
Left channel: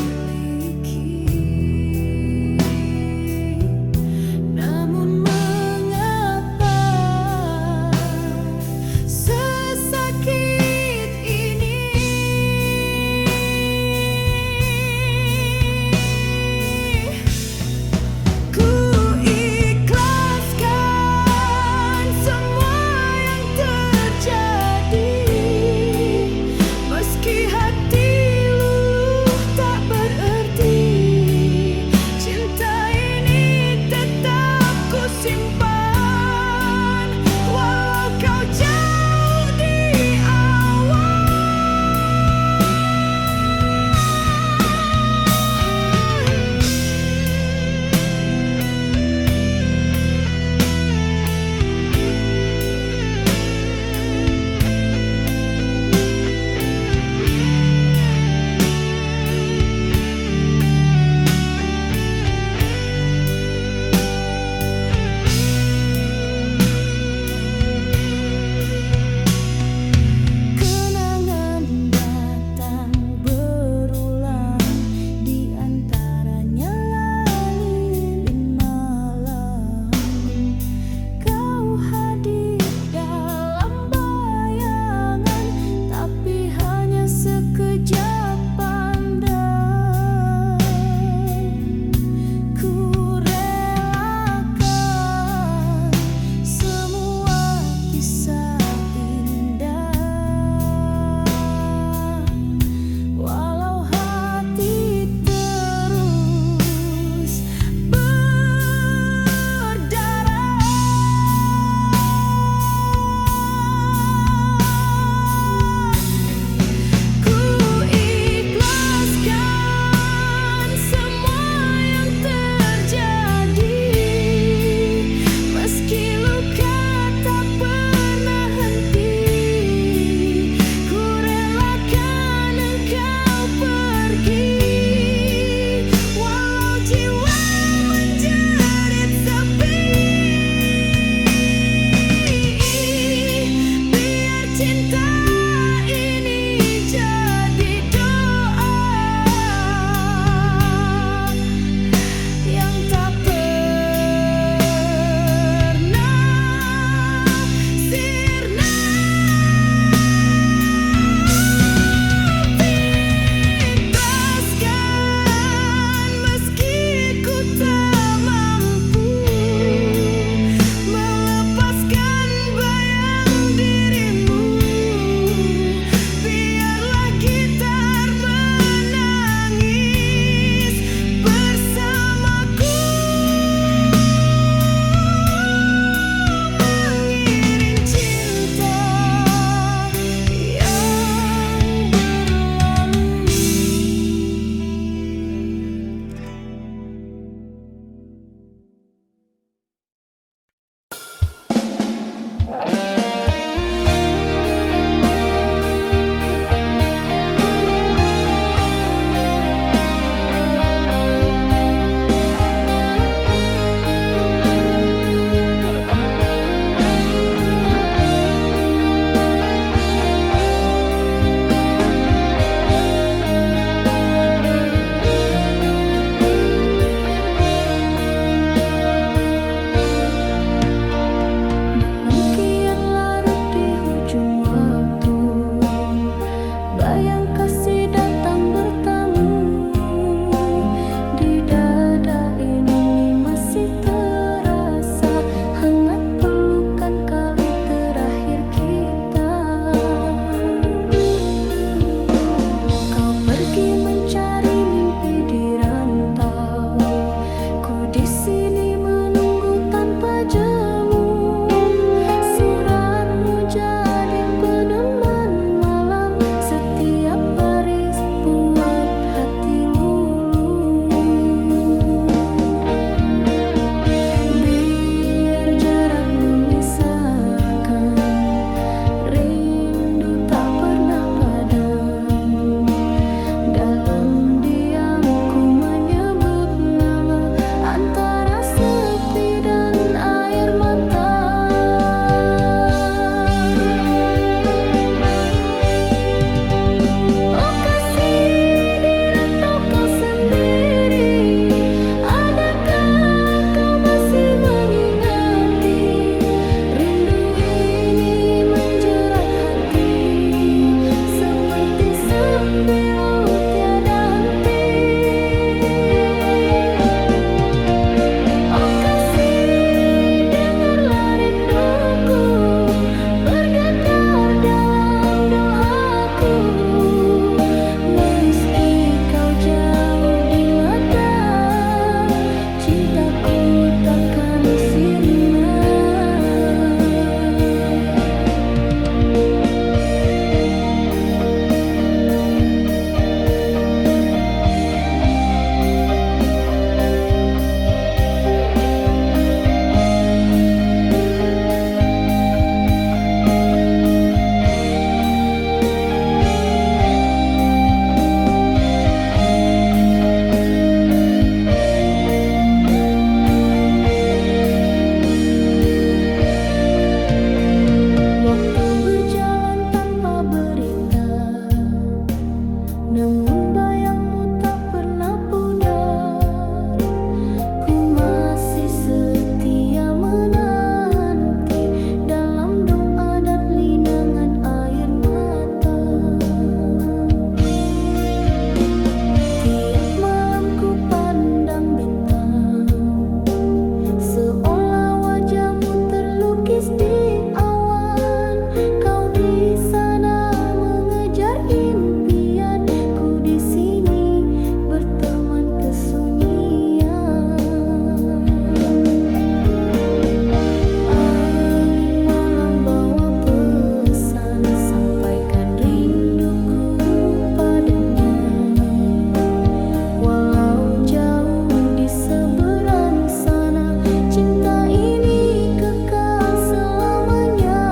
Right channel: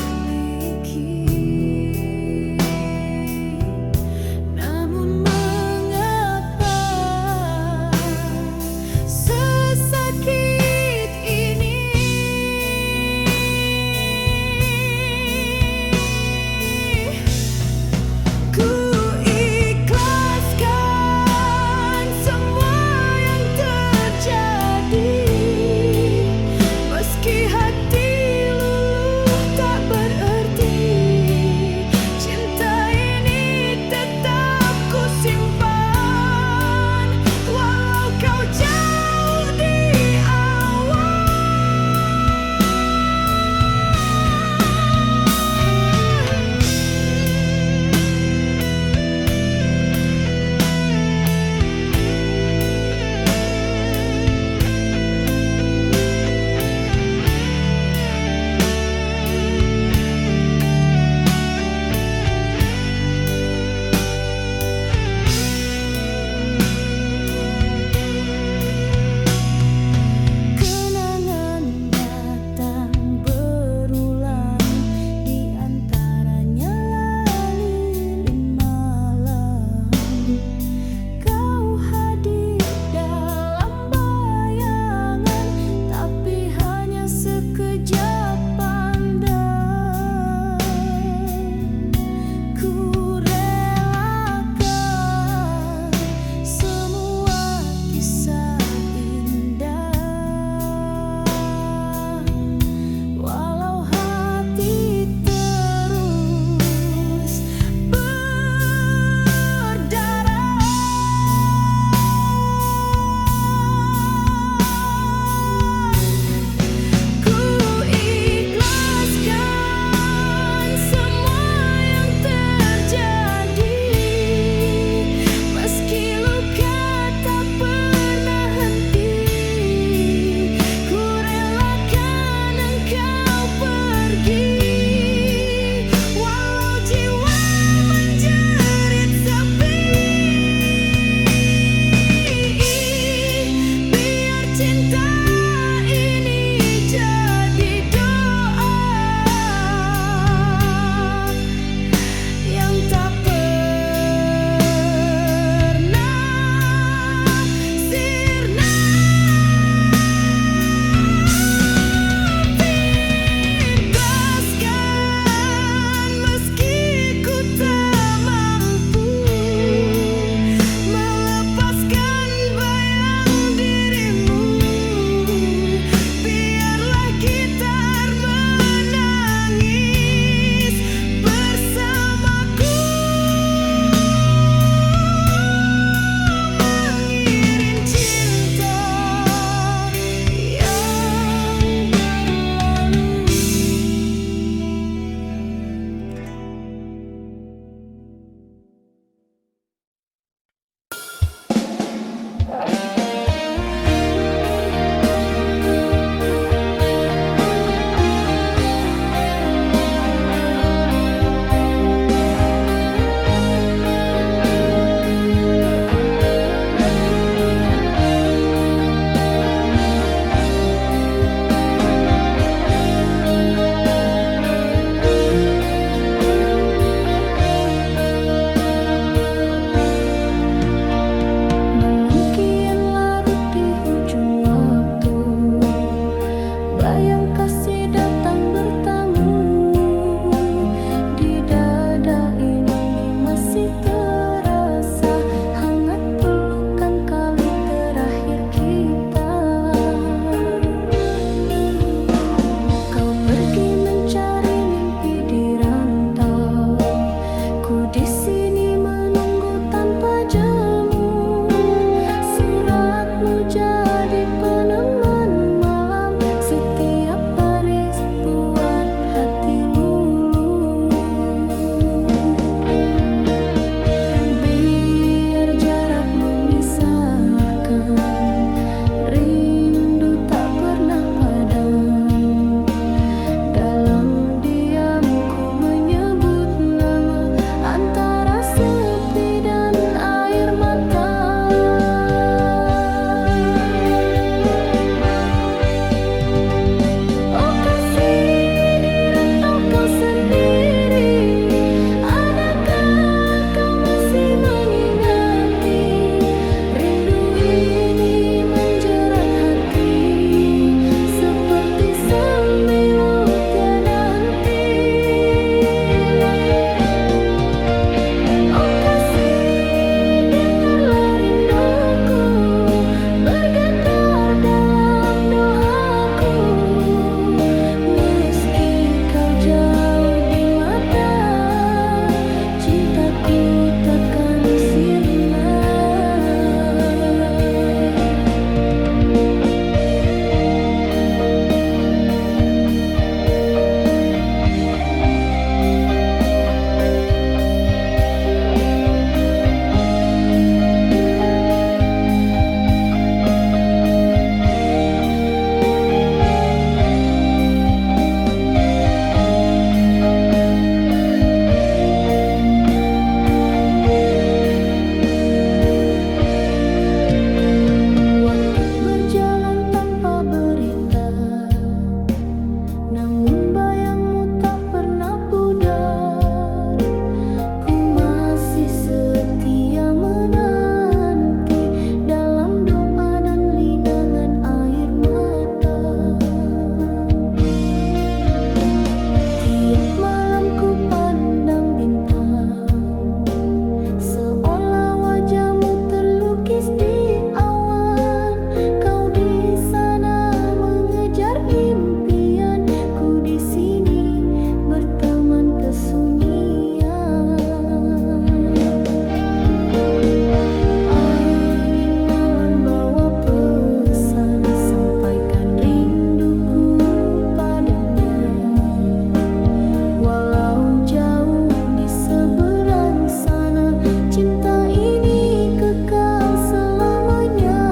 Walau jauh di seberang sana, cinta ini kekal selamanya.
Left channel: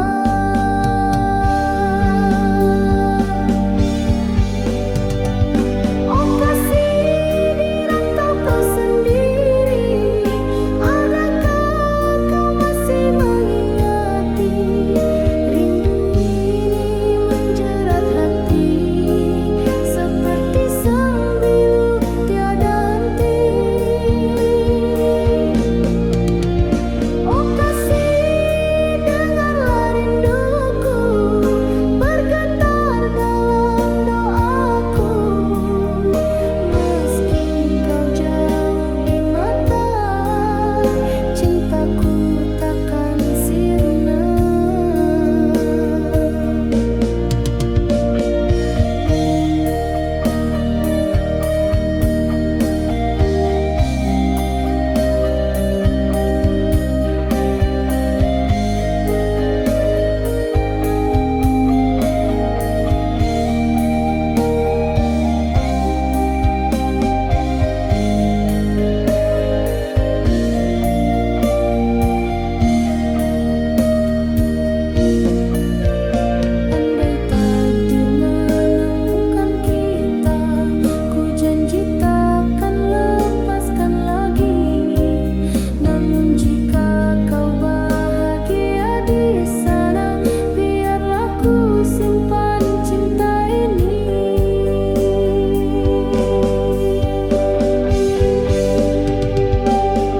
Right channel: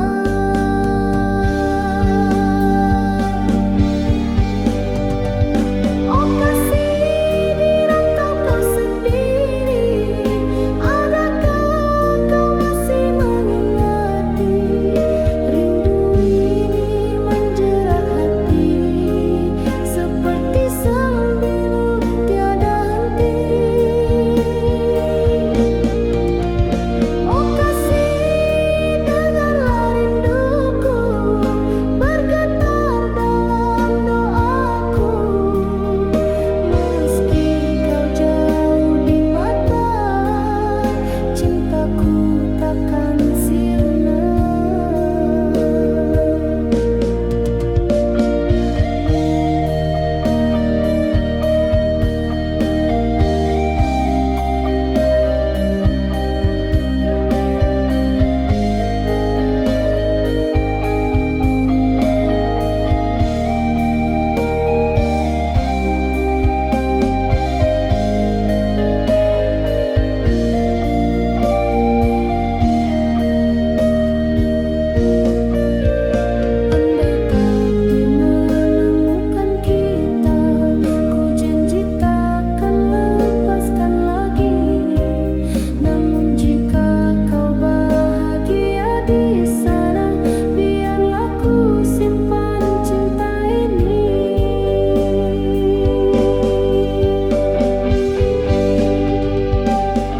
Oh kasih, di rantau kau sendiri, adakah kau masih mengingati? Rindu ini menjerat hati seperti sembilu tiada henti. Oh kasih, dengarlah rinduku bergetar dalam doaku. Meski kau jauh di mata, cintaku takkan sirna. Andai takdir menemukan kita, ku janji takkan lepaskan lagi. Namun jika kau bahagia di sana, biarlah ku simpan cinta ini.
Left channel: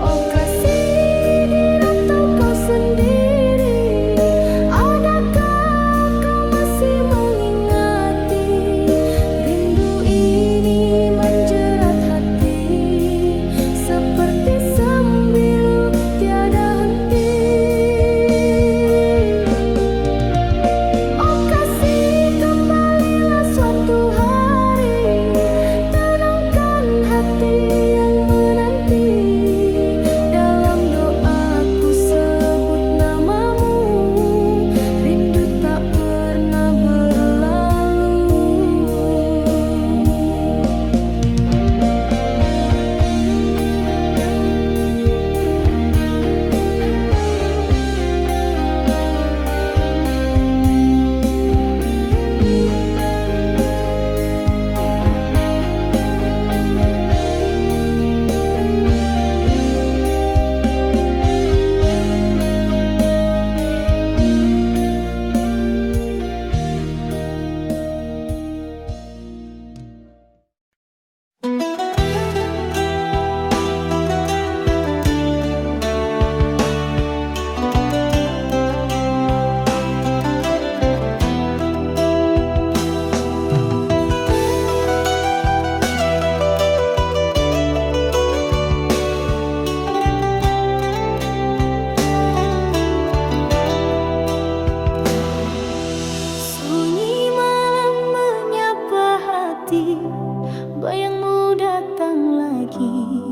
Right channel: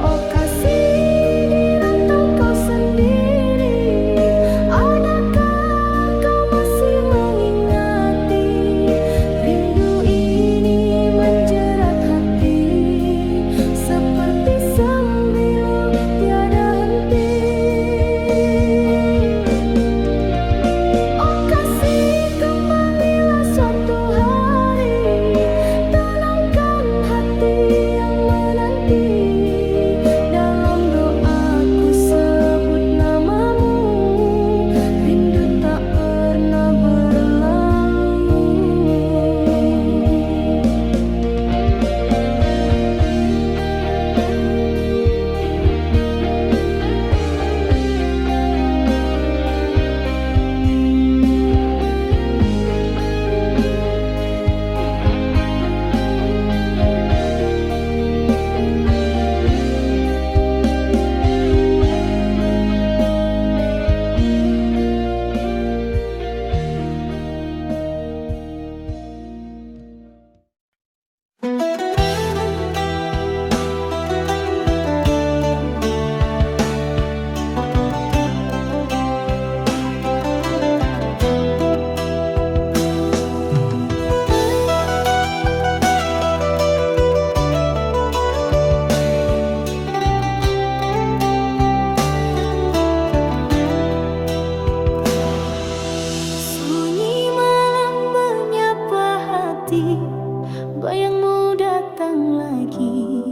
Oh kasih, di rantau kau sendiri, adakah kau masih mengingati? Rindu ini menjerat hati seperti sembilu tiada henti. Oh kasih, kembalilah suatu hari, tenangkan hati yang menanti. Dalam doaku sebut namamu, rindu tak pernah berlalu. Sunyi malam menyapa hati, bayangmu datang lagi.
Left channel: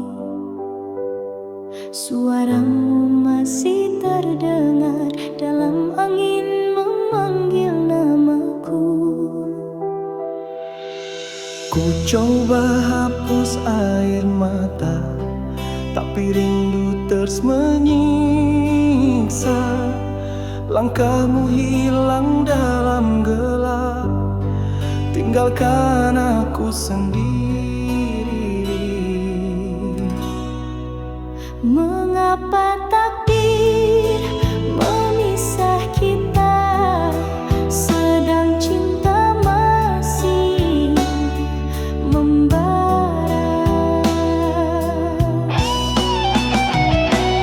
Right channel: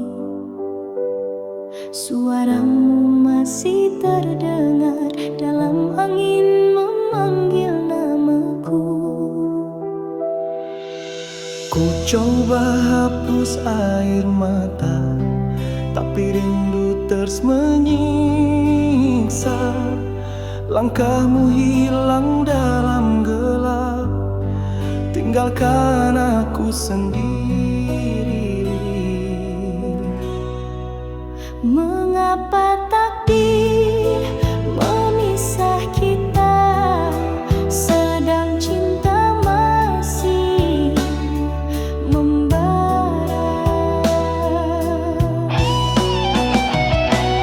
Suaramu masih terdengar dalam angin memanggil namaku. Ku coba hapus air mata, tapi rindu terus menyiksa. Langkahmu hilang dalam gelap, tinggalkan aku sendiri. Mengapa takdir memisah kita, sedang cinta masih membara?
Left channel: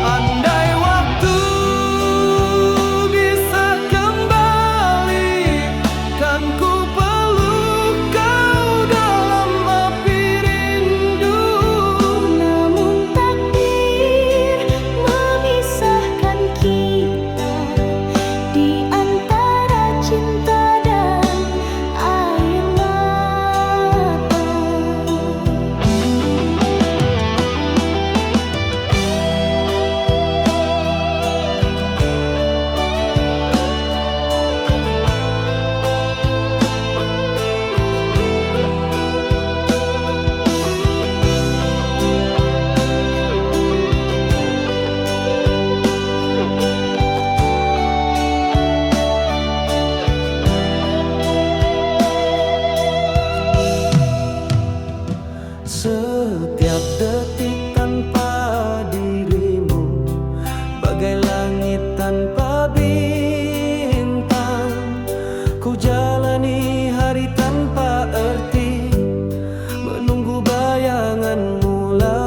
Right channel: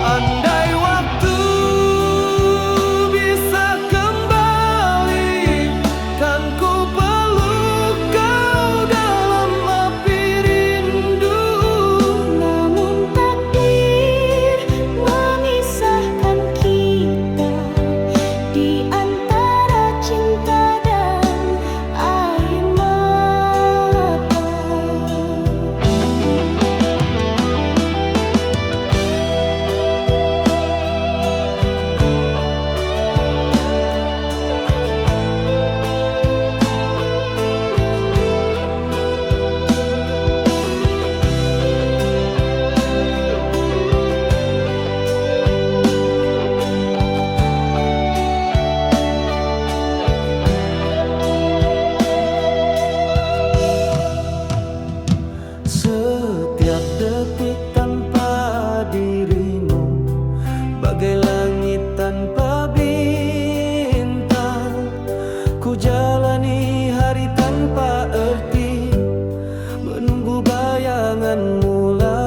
Andai waktu bisa kembali, kan ku peluk kau dalam api rindu. Namun takdir Setiap detik tanpa dirimu bagai langit tanpa bintang. Ku jalani hari tanpa arti, menunggu bayanganmu lagi.